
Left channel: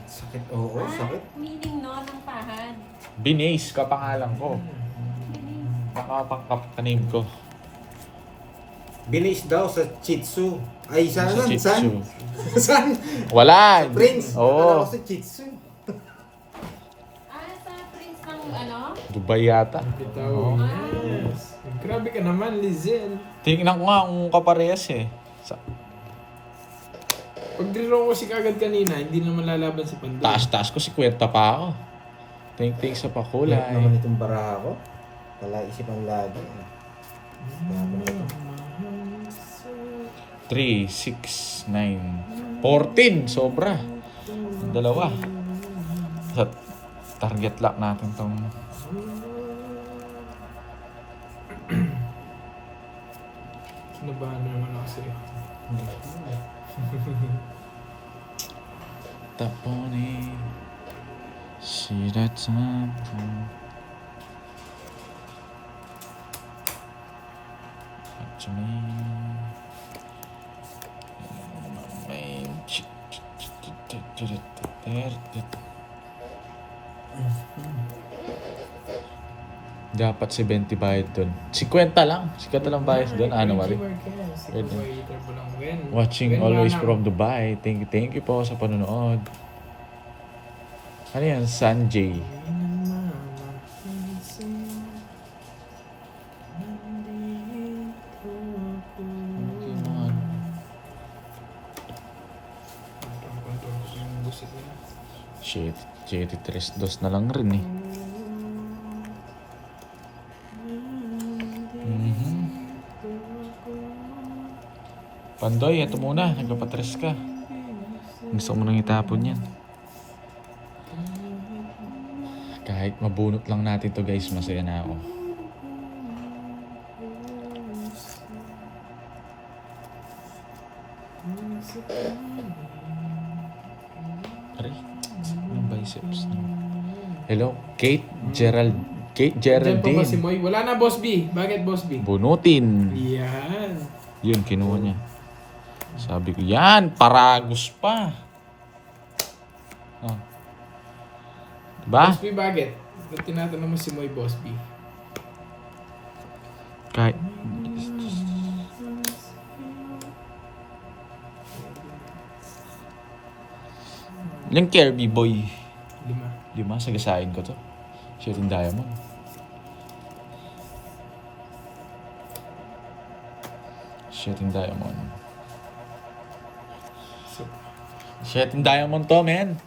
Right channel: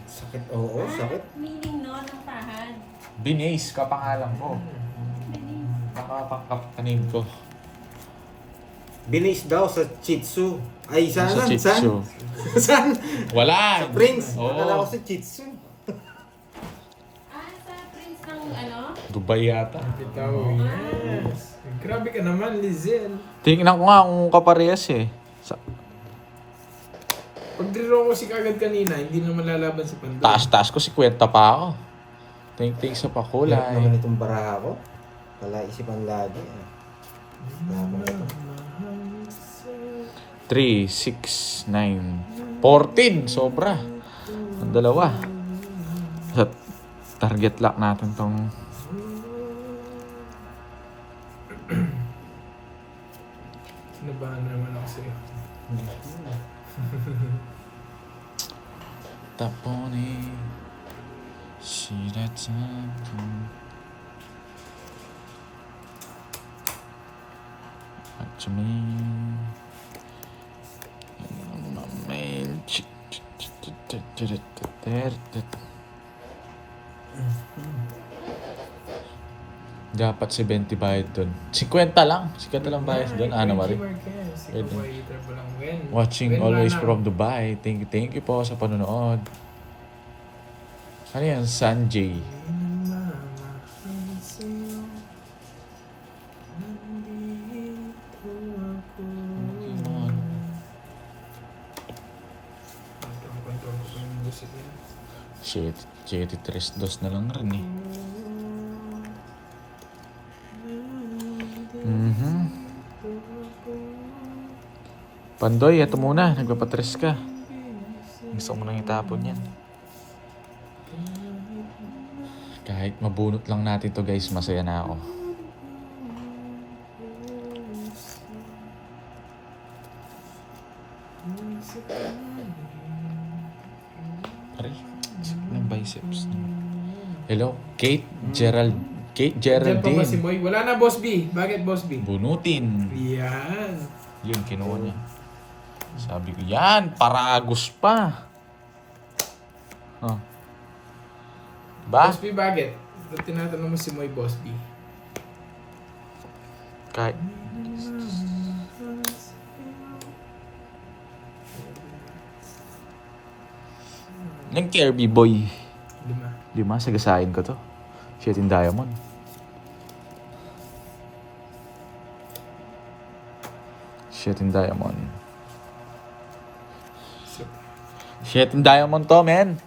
Sakit, oo, sakit. Meaning no, ng pahad. Binace, kapangalan ko. Kanin ko. Binis daw sa Chitsu. Ay, saan? Sa Saan? Chitsu. Saan? Wala. Prince. Akala Oo. ko sa Chitsu. Sa prince ng ano? Dubai yata. Bitaw. Yes. Grabe ka naman, Lizelle. Tingnan ko nga kung kaparehas eh. Pag draw ko si kagad kanina, hindi naman lalaban si Pandol. Taas-taas ko, 50 pa ako. Think sa Lahat pakulay. naman itong baraha ko. Pala isipan lagi. Laban ito. 3, 6, 9, 14. Sobra. Ang dalawa. Target lock natin tong... Nabahan na naman ako sa'yo. Tapone. Shiratampo. To me. Dapat si 20 bayad doon. 50 lang. 50 lang bayad doon. Ano, Mari? Watching always from Dubai. Thank you po sa panonood. Ano yan? Sanjay. Shit. 7-3-2 na lang rin eh. Pandoy, ito muna. Nagpapatres ka. Gusto mo nang itapon yan. Kahit mabunot lang natin to guys, masaya na ako. Aray, sakit ng biceps. Hello, Kate Diyan pa ba si Geraldine. Moy? Wala na, Boss B. Bakit, Boss B? Bunutin. Yan. Yun, kinuha niya. Sabi ko, yan, paragos pa. Oh. Diba? Boss B, bakit? Ba't tinatanong mo si Moy, Boss B? Kahit... Yung Kirby boy. 5. 5, sagasain ko to. Shit in diamond. Shit in diamond. So, Shit in diamond to, men.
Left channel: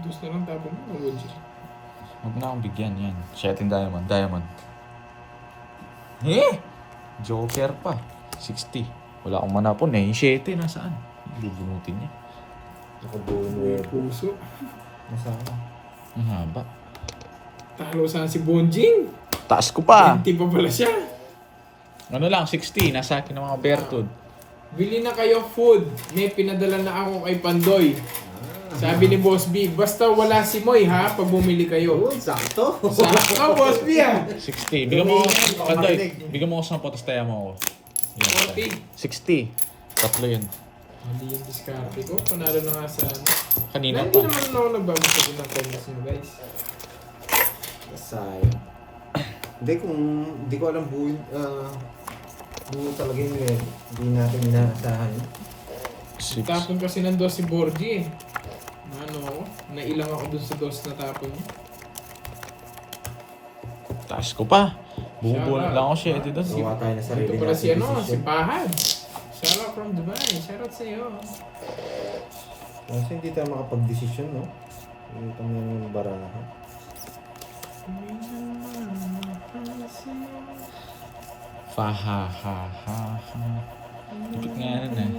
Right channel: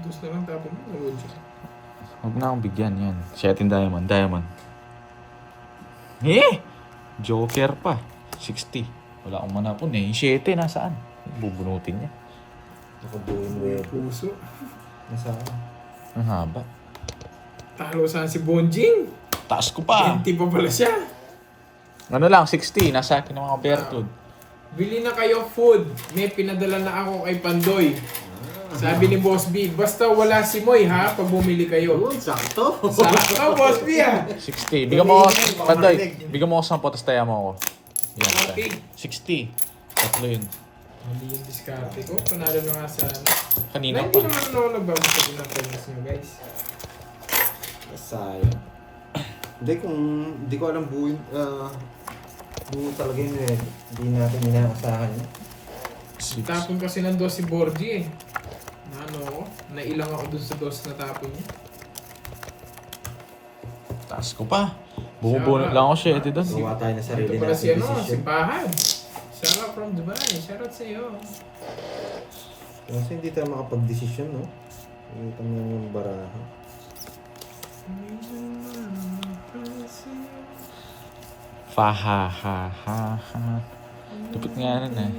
gusto lang tapon mo. Wood siya. Huwag na akong bigyan yan. Shit in diamond. Diamond. Eh! Joker pa. 60. Wala akong manapon eh. Yung 7, nasaan? Bubunutin niya. Nakabuo nuevo. Puso. Nasaan? Ang haba. Talo saan si Bonjing? Taas ko pa. 20 pa pala siya. Ano lang, 60. Nasa akin ng mga Bertud. Bili na kayo food. May pinadala na ako kay Pandoy. Sabi ni Boss B, basta wala si Moy ha, pag bumili kayo. Yun, sakto. Sakto, Boss B ha. 60. Bigyan mo ako, Pandoy. Bigyan mo ako 10, tapos tayo mo ako. Yan, Okay. 60. Tatlo yun. Mali yung diskarte ko. Panalo na nga sa ano. Kanina Hindi pa. naman ako nagbago sa pinapayos nyo guys. Sayang. Hindi ko alam buo talaga yun eh. Hindi natin inaasahan. 6. Tapon kasi ng dos si Borgie eh. Ano ako? Nailang ako dun sa dos na tapon niya. Taas ko pa. Bumubunot lang ako siya. Ito doon. Gawa tayo na sarili Ito pala si ano, si decision. Pahad. Shout out from Dubai. Shout out sa'yo. Kasi hindi tayo makapag-desisyon, no? Hindi kami yung baraha. Ha. Lupit nga nun eh.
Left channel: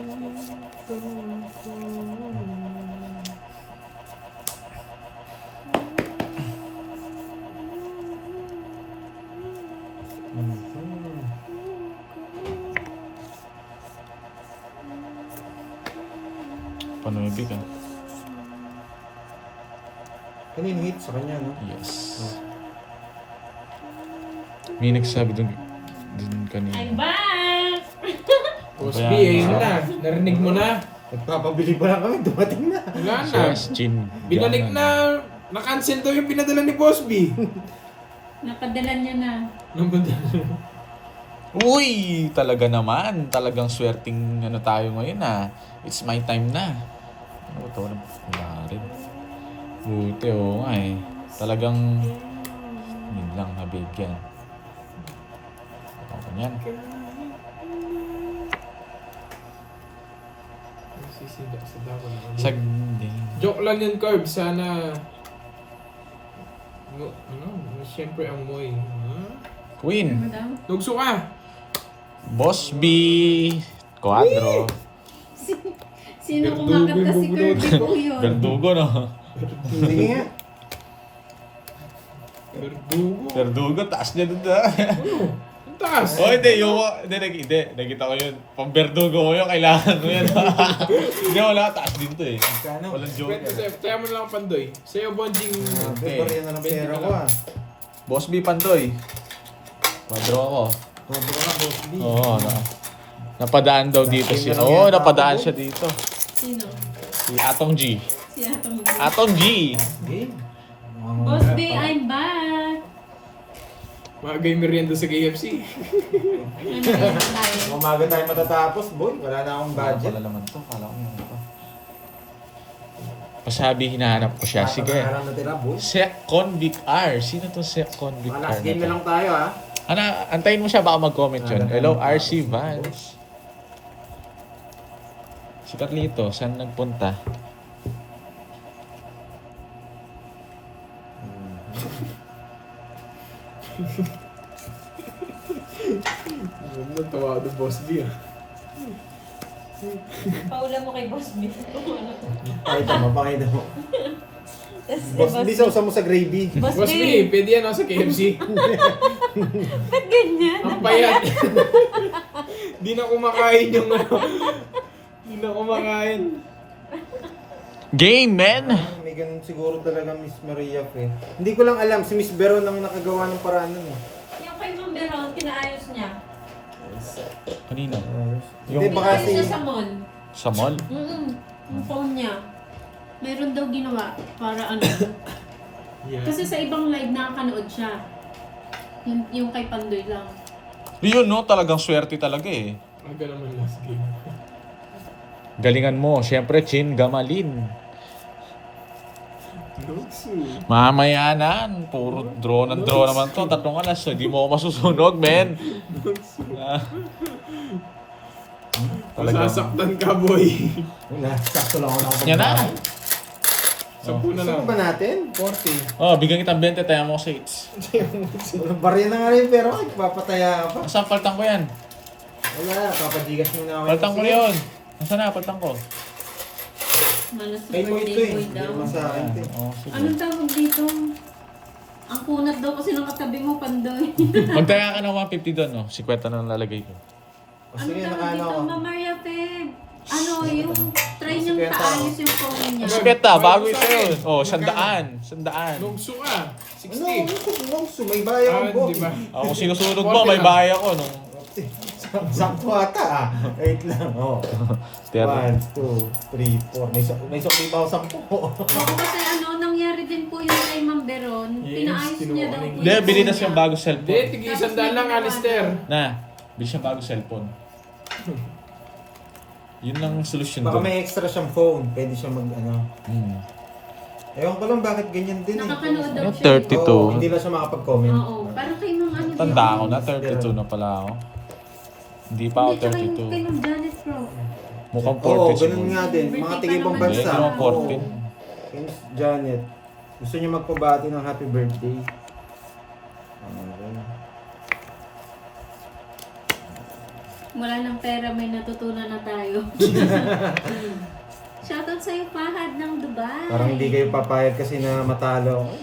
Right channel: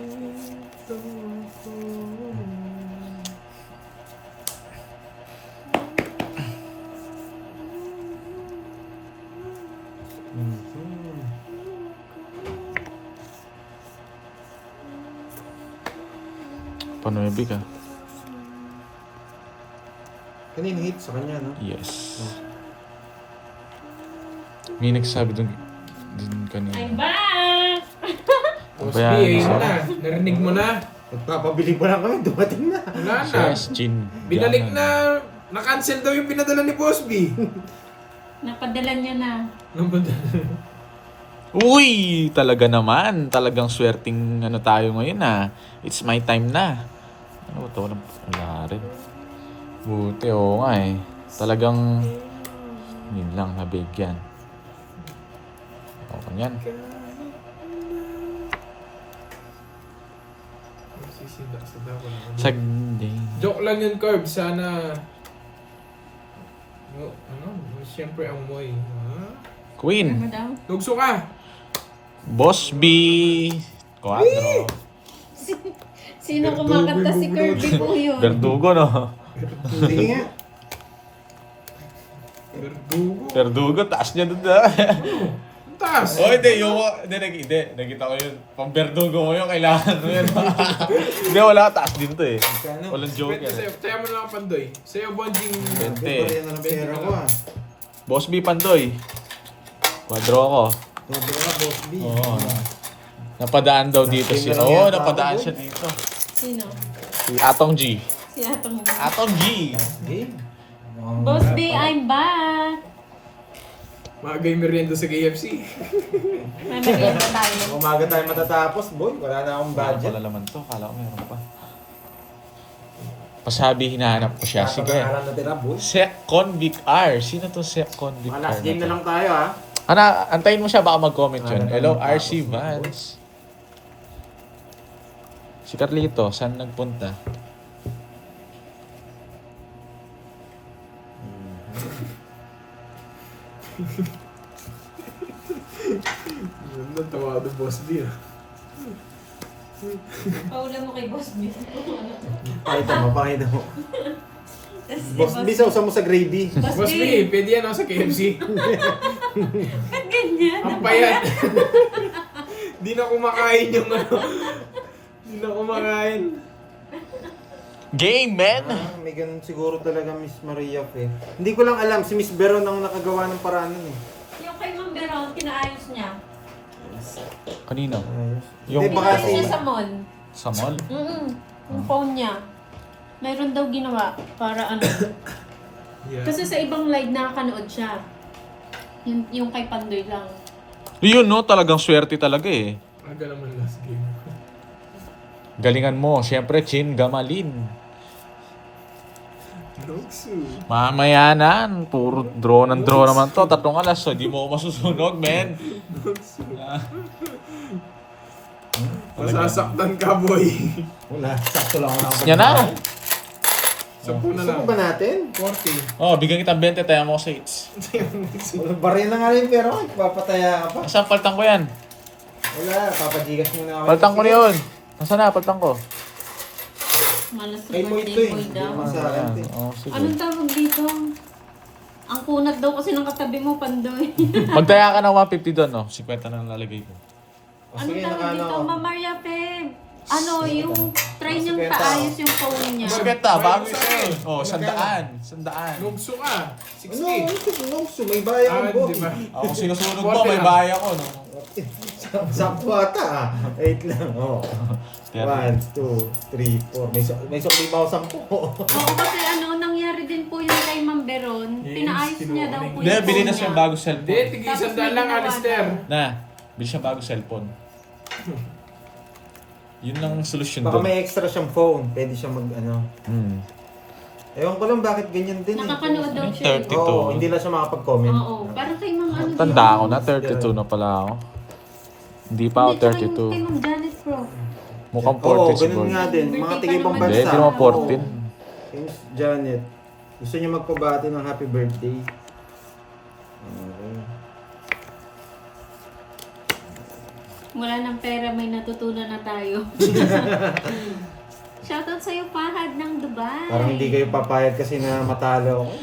Panubig ah. Kanina hit sa kanya, no? Yes. May nagsabi dun kanina. I'm back! Boss Ba B, yan? ayun na. Narinig mo na. Nagpapabili pa lang kami, dumating na. Wala na. Yes, Chin. Binalik na. Na-cancel daw yung pinadala ni Boss B. Napadala niya na. Uy! Talaga naman. Talagang swerting ano tayo ngayon ah. It's my time na. Ano ito? Wala rin. Buti, oo nga eh. Talagang yun lang nabigyan. Okay yan. Sisida ko na. Sagdi. Joke lang yun, Curb. Sana... Siyempre ang Moy. Queen. Madam? Tugso ka. Boss B. Quadro. Sino Verdugo kumakanta si yung Kirby po yun? Verdugo no? Sige nga. Verdugo. Verdugo, taas niya doon ah. Ang taas. Oh, hindi. Nakita ko yun. Pang Verdugo mo yun, kailangan mo yun. Hindi, wala. Taas din to eh. Magkano? Walang joke Pwede yan. sa'yo. Tayo mo lang ang Pandoy. Sa'yo, Bonjing. Bariyan na ng pera ko, ah. Boss B, Pantoy. Quadro ako. Sobra ka, Boss B. Oo. Napadaan daw dito siya. Nakita lang Oo, yata napadaan ako, siya dito. Sino? Si Atong G. Si Atong mo. Atong G. Game. Boss B, I'm back! Magay merienda sa KFC. Ano yun tayo? Umaga tayo matatapos, boy. Wala na akong budget. Wala laman to. Kala ko yun pa. Pasabi, hinahanap ko siya. Sige. Alam na tira, boy. Sec Convict R. Sino to Sec Convict Mga R last game na na to? lang tayo, ha? Ano, antayin mo siya. Baka mag-comment yun. Hello, RC Vance. Si Carlito, saan nagpunta? Natawa ako Boss B. Paula mo kay Boss B. Pakita mo, pakita mo. Tas si Boss B, sausa mo sa gravy. Boss Boss B, B, pwede yan ako sa KFC. ba't ganyan? Ang payat. Di na kumakain yung ano. Di na kumakain. Game, man! May ganun siguro talaga Miss Maria eh. Hindi ko lang alam, si Miss Veron ang nakagawa ng paraan nun eh. Yung kay Ma'am Beron, kinaayos niya. Kanino? Hindi, Yung- baka Kinaayos si... niya sa mall. Sa mall? Yung phone niya. Mayroon daw ginawa para ano. Yeah. Kasi sa ibang live nakakanood siya. Yung kay Pandoy lang. Yun, no? Talagang swerte talaga eh. Aga naman last game. Galingan mo. Siyempre, Chin Gamalin. Luxu. Mamaya na. Puro draw ng draw naman to. 3 alas. So, di mo ako masusunog, men. Masasaktan ka, boy. Wala, sakto lang ako nakapag- Yan na. 10 na lang. Gusto ba natin? 40. Oh, bigyan kitang 20. Tayo mo sa 8. Bariyan na nga rin pero papataya ka pa. Saan paltang ko yan? Wala, papajigas muna ako. Paltang ko na yun. Nasaan na? Paltang ko. Malas sa Kay Boy birthday ito eh. boy Hindi daw. naman sa akin ito eh. Oh, sige. Anong tawag dito? Ang kunat daw kasi ng katabi mo, Pandoy. Magtaya ka ng 150 doon, no? 50 na lalagay ko. O, Ano sige, tawag nakaano dito, ako. Mama Maria Peg? Ano, yung try niyong Sige, paayos yung phone niya. Siketa, bago Bago ito sa'yo. eh. Oh, 100. Lugso ka. Ano? 60. Nungso, may bayan Ah, ang boy. di ba? Ako sinusunod 40 mo, may lang. bahay ako, no? Sakto ata ah. Wait lang, oh. 1, 2, 3, 4. May sukli pa ako 10. Oo, kasi ano, nangyari din po yung kay Ma'am Beron. Yes, Pinaayos niya daw po tinulungan Hindi, yung bili na phone siyang niya. bagong Hindi, cellphone. tig-100 lang, Alister. Na, bili siyang bagong cellphone. Yun lang ang solusyon Baka doon. may extra siyang phone. Pwede siya mag ano. Ewan ko lang bakit ganyan din Nakakanood daw Yung siya. 30. Oo, hindi lang siya makapag-comment. Oo, parang kay Ma'am ano Tanda din. ako na, 32 na pala ako. Hindi pa ako Hindi, tsaka yung kay 32. Ma'am Janet Pro. Mukhang 40 Oo, siguro. ganun nga din. Mga Birthday tigibang pa naman bansa. Hindi, mga 14. Oo. Kay Miss Janet. Gusto niya magpabati ng happy birthday. Okay. Wala ng pera, may natutunan na tayo. Shoutout sa'yo, Fahad ng Dubai. Parang hindi kayo papayag kasi na matalo ako.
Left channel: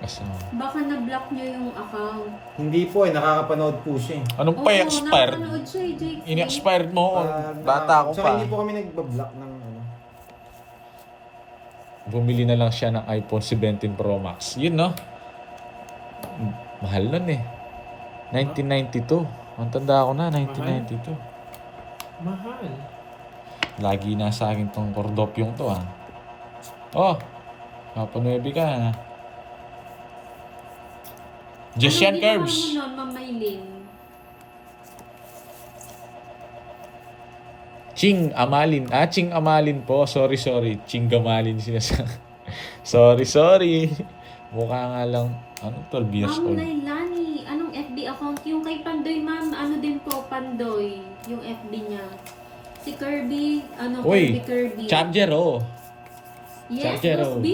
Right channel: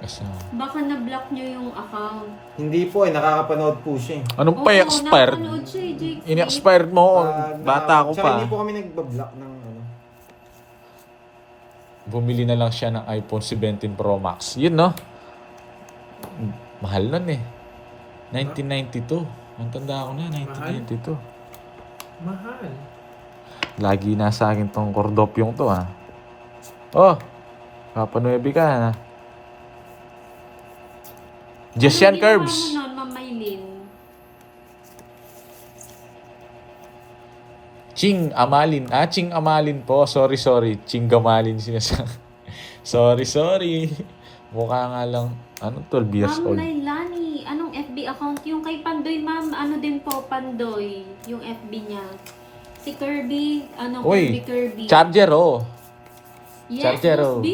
Asa. Baka na-block niyo yung account. Hindi po eh, nakakapanood po siya eh. Anong pa expired? nakapanood siya eh, Jake. In-expired mo. Pag Bata ako Tsaka pa. hindi po kami nagbablock ng ano. Bumili na lang siya ng iPhone 17 Pro Max. Yun, no? Mahal nun eh. 1992. Ang tanda ko na, 1992. Mahal. Lagi nasa akin tong kordopyong to, ha? Oh! Papanuebi ka, ha? Just yan, Curbs. Ano ginawa mo nun, Ma'am Maylin? Ching Amalin. Ching Amalin po. Sorry. Ching Gamalin sinasabi. sorry. Mukha nga lang, 12 years Ma'am old. Lailani, anong FB account? Yung kay Pandoy, ma'am, ano din po, Pandoy, yung FB niya. Si Kirby, Uy, Kirby. Charger, oh. Yes, Charger, oh. Boss B.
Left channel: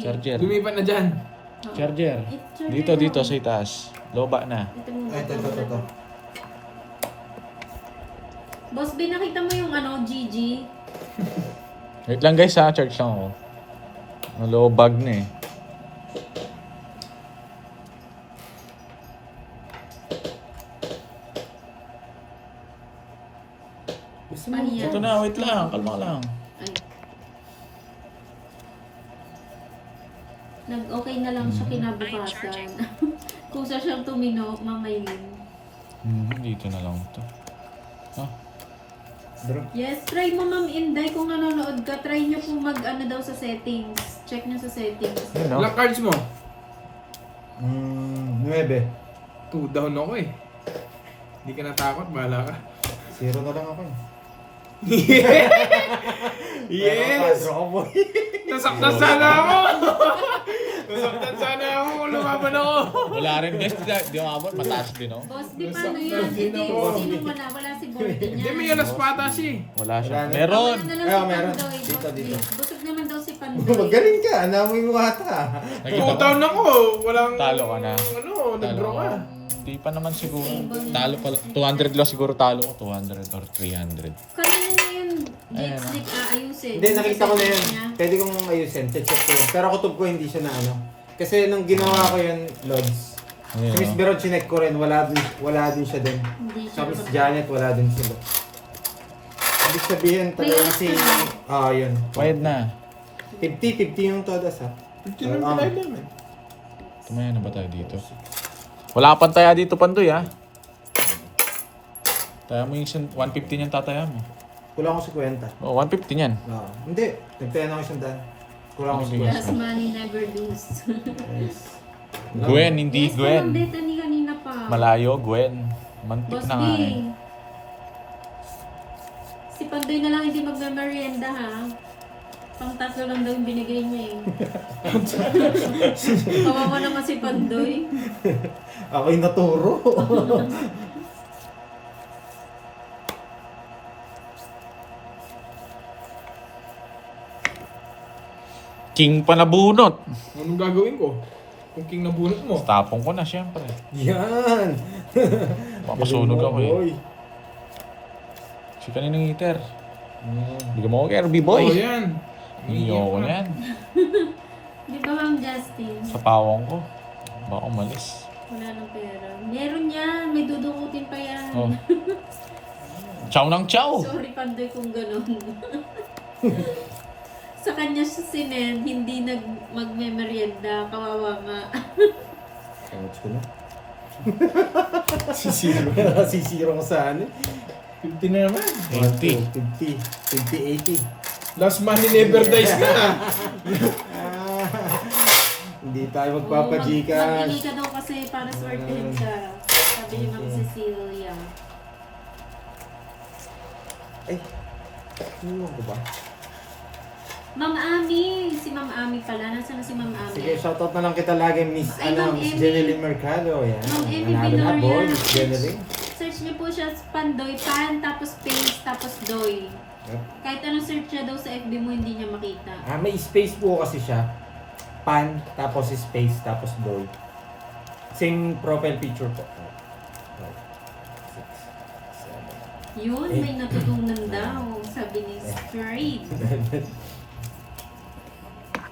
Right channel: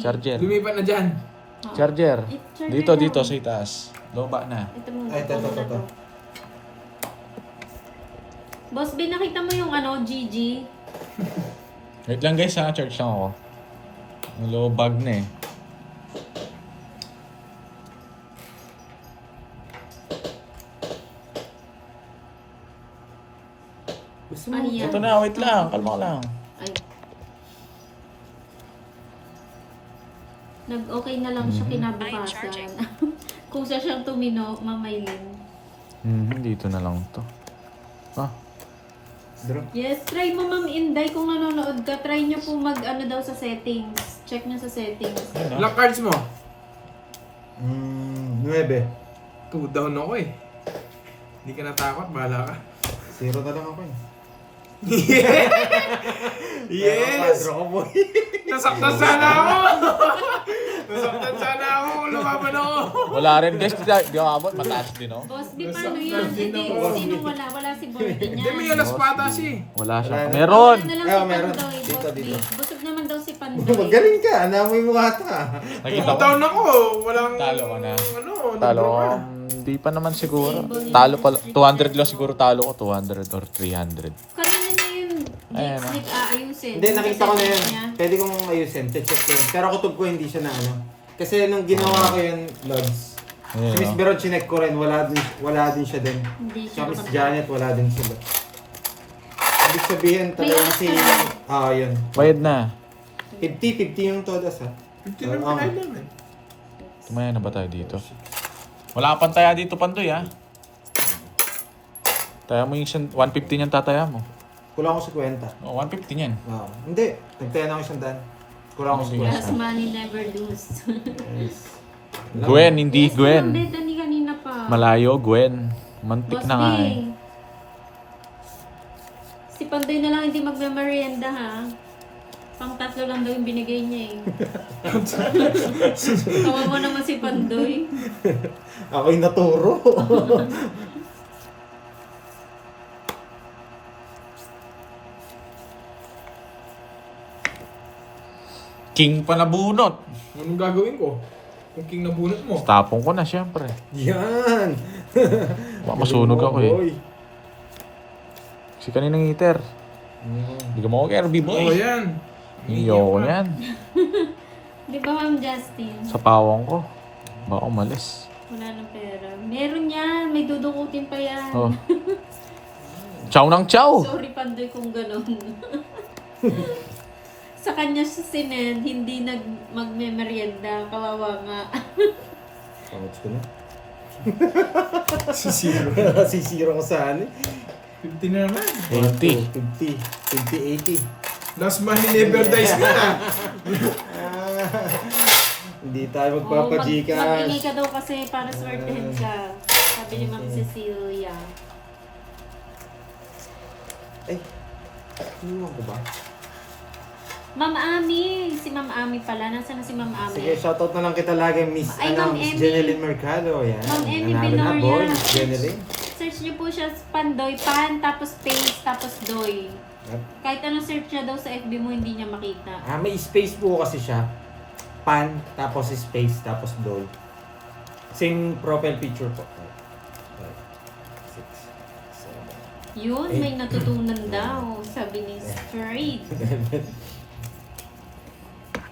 Charger. Lumipat na dyan. Oh. Charger. Charger Dito lang. sa itaas. Loba na. Ito mo. Ay, ito. Boss B, nakita mo yung GG? Wait lang guys, ha. Charge lang ako. Low bag na eh. Gusto mo? Ano yan? Ito na, wait lang. Kalma ka lang. Ay. Nag-okay na lang siya kinabukasan. Kusa siyang tumino, mamaylin. Dito na lang ito. Bro. Yes, try mo Ma'am Inday kung nanonood ka. Try nyo po daw sa settings. Check nyo sa settings. Ano? Black cards mo. 9. 2 down ako eh. Hindi ka natakot, bahala ka. 0 na lang ako eh. Yes! Padro ko boy. Nasaktan sana ako! Nasaktan sana ako kung lumaban ako. Wala rin guys. Di ako abot. Mataas din, oh. Boss, di paano Nasaktan yun? din Hindi, ako. sino wala? Wala si Bordy niya. Hindi, may alas pata siya eh. Wala siya. Wala na. Meron! Wala na lang Ayaw, si meron. Pandoy, Dito, Boss B. dito. Busog naman daw si Pandoy. Magaling ka. Namoy mo ata. Nakita 2 ko. down ako. Walang... Talo ka na. Ano, Talo nag-draw ko. ka. Hindi pa naman siguro. Talo pa. 200 lang siguro talo ko. 200 or 300. Kanina na yun, Ayan, Jake, aayusin. Hindi, nakita ko na yun. Niya. Pwede kong ayusin. Check ko yun. Pero kutob ko hindi siya na ano. Kasi nung ginawa ko yun, Lods. Ayan, Si Miss oh. Beron, chinek ko rin. Wala din siya din. Hindi Sa siya Miss nakapag- Janet, wala din sila. Ibig sabihin, talagang si... yun. Bayad na. 50 yung todas ha. 15 lang Ah. pinay naman. Tumaya na ba tayo dito? Wala pang taya dito, Pandoy, ha? Taya mo yung 150 niyan tataya mo. Kulang ko 50. Oh, 150 niyan. Wow. Hindi. Nagtaya na ako 100. Kulang ko Ano Last 50. money never lose. Yes. Gwen, hindi Yes, Gwen. Ma'am Beta ni kanina pa. Malayo, Gwen. Mantik Boss na B. nga eh. Si Pandoy na lang hindi magme-merienda ha. Pang tatlo lang daw yung binigay niya eh. Kawawa naman si Pandoy. Ako'y naturo. King pa nabunot. Anong gagawin ko? Kung king nabunot mo. Tapong ko na, syempre. Yan. Masunog ako eh. Boy. Si kaninang heater. Hindi ka mo RB boy. Oo, yan. Iyo ko na yan. Di ba, Ma'am Justin? Sa pawang ko. Baka umalis. Wala nang pera. Meron yan. May dudukutin pa yan. Oh. Chow ng chow! Sorry, Pandoy, kung gano'n. Sa kanya siya sinend, hindi magme-merienda. Kawawa nga. Pangit ko na. Sisiro. Sisiro ko saan eh. 50 na naman. 20. 50, 80. Last money never dies na. Hindi tayo Oo, mag-ingay magpapa-Gcash. ka daw kasi para swertein ka. Sabi ni Ma'am Cecilia. Ay, iwan ko ba? Ma'am Ami! Si Ma'am Ami pala. Nasaan na si Ma'am Ami? Sige, shoutout na lang kita lagi, Miss, Ay, Ma'am Miss Emmy. Jeneline Mercado. Yan. Ma'am Emmy Nanalo na, Binoria. boy, Miss Jeneline. Search niyo po siya sa Pandoy. Pan, tapos space, tapos doy. Yep. Kahit anong search niya daw sa FB mo, hindi niya makita. May space po kasi siya. Pan, tapos space, tapos doy. Same profile picture po. 5, 6, 7. Yun, may natutunan daw. Sabi ni Straight.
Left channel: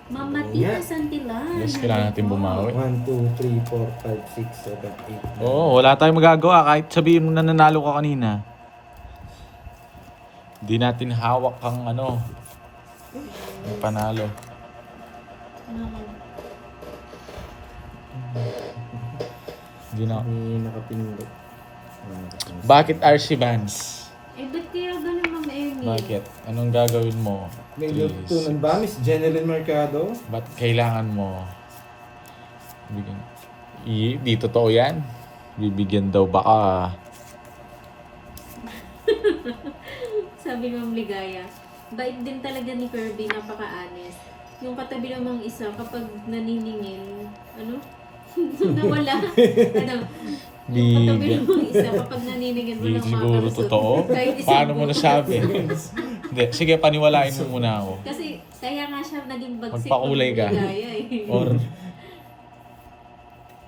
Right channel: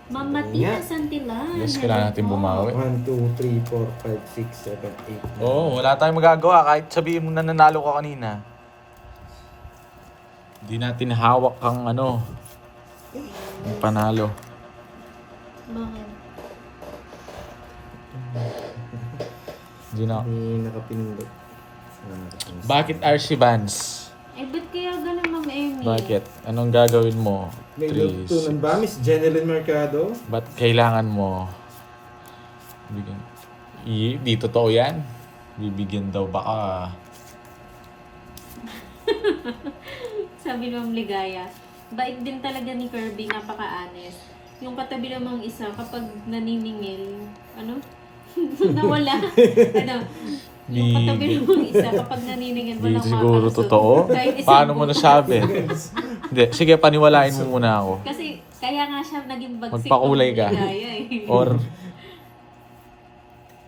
Mama Tina Santilan. Yes, kailangan natin bumawi. 1, 2, 3, 4, 5, 6, 7, 8. Oo, wala tayong magagawa kahit sabihin mo na nanalo ka kanina. Hindi natin hawak ang ano, ang panalo. Hindi na. Hindi nakapindot. Bakit RC Bands? Ba't kaya ganun, Ma'am Emmy? Bakit? Anong gagawin mo? May Please. natutunan ba, Miss Jeneline Mercado? Ba't kailangan mo? Bigyan. Di totoo yan. Bibigyan daw baka. Sabi Ma'am Ligaya, bait din talaga ni Kirby, napaka-honest. Yung katabi namang isa, kapag naniningil, ano? Nawala. Ano? Yung katabi Bigyan. namang isa, kapag naniningil, Hindi walang siguro makalusot. totoo. Kahit isang Paano mo buko. nasabi? Hindi. Sige, paniwalain mo muna ako. Kasi, kaya nga siya naging bagsik. Magpakulay ka. Ma'am Ligaya, eh. Or,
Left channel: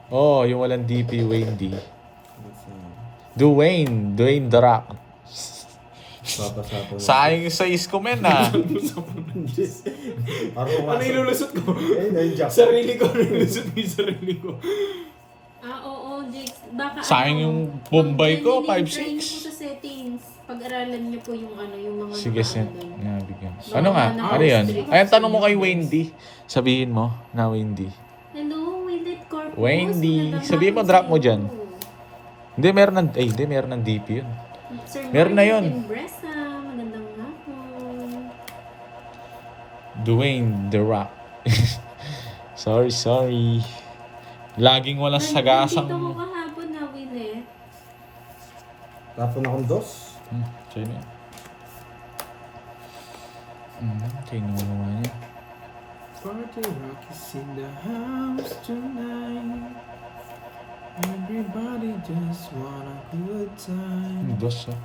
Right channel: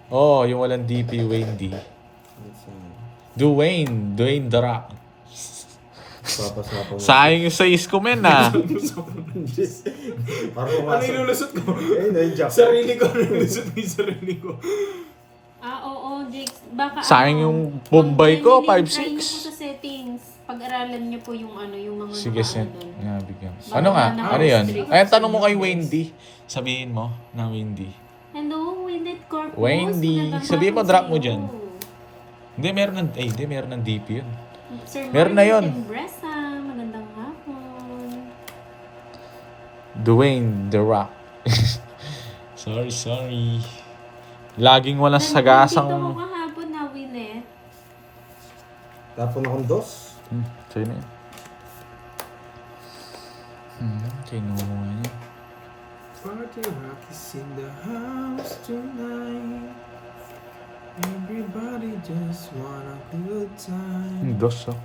oh, yung walang DP, Wayne D. Dwayne The Rock. Papasapo na. Sayang yung sa isko men ah. Parang Ano ilulusot ko? Ayun na yung jack. Sarili ko. Ilulusot ko yung sarili ko. Oo, Jix. Baka Sayang ano, yung Bombay ko, mag-try 5'6". niyo po sa settings. Pag-aralan niyo po yung ano, yung mga Sige, send. nakaano. Nabigyan. Ano nga? Ano yan? Ayan, tanong mo kay Wayne D. Sabihin mo na Wayne D. Hello, Winnet Corpus. Wendy. Magandang Sabihin mo, hapon drop mo sa'yo. dyan. Hindi, meron ng DP yun. Sir Meron na yun. Martin Bresa, magandang hapon. Dwayne The Rock. sorry. Laging walang Nandito ko sagasang... kahapon na, Winnet. Tapon akong dos. Sino yun? Sino mo niya? Party rock is in the house tonight. Everybody just want a good time. Dos oh.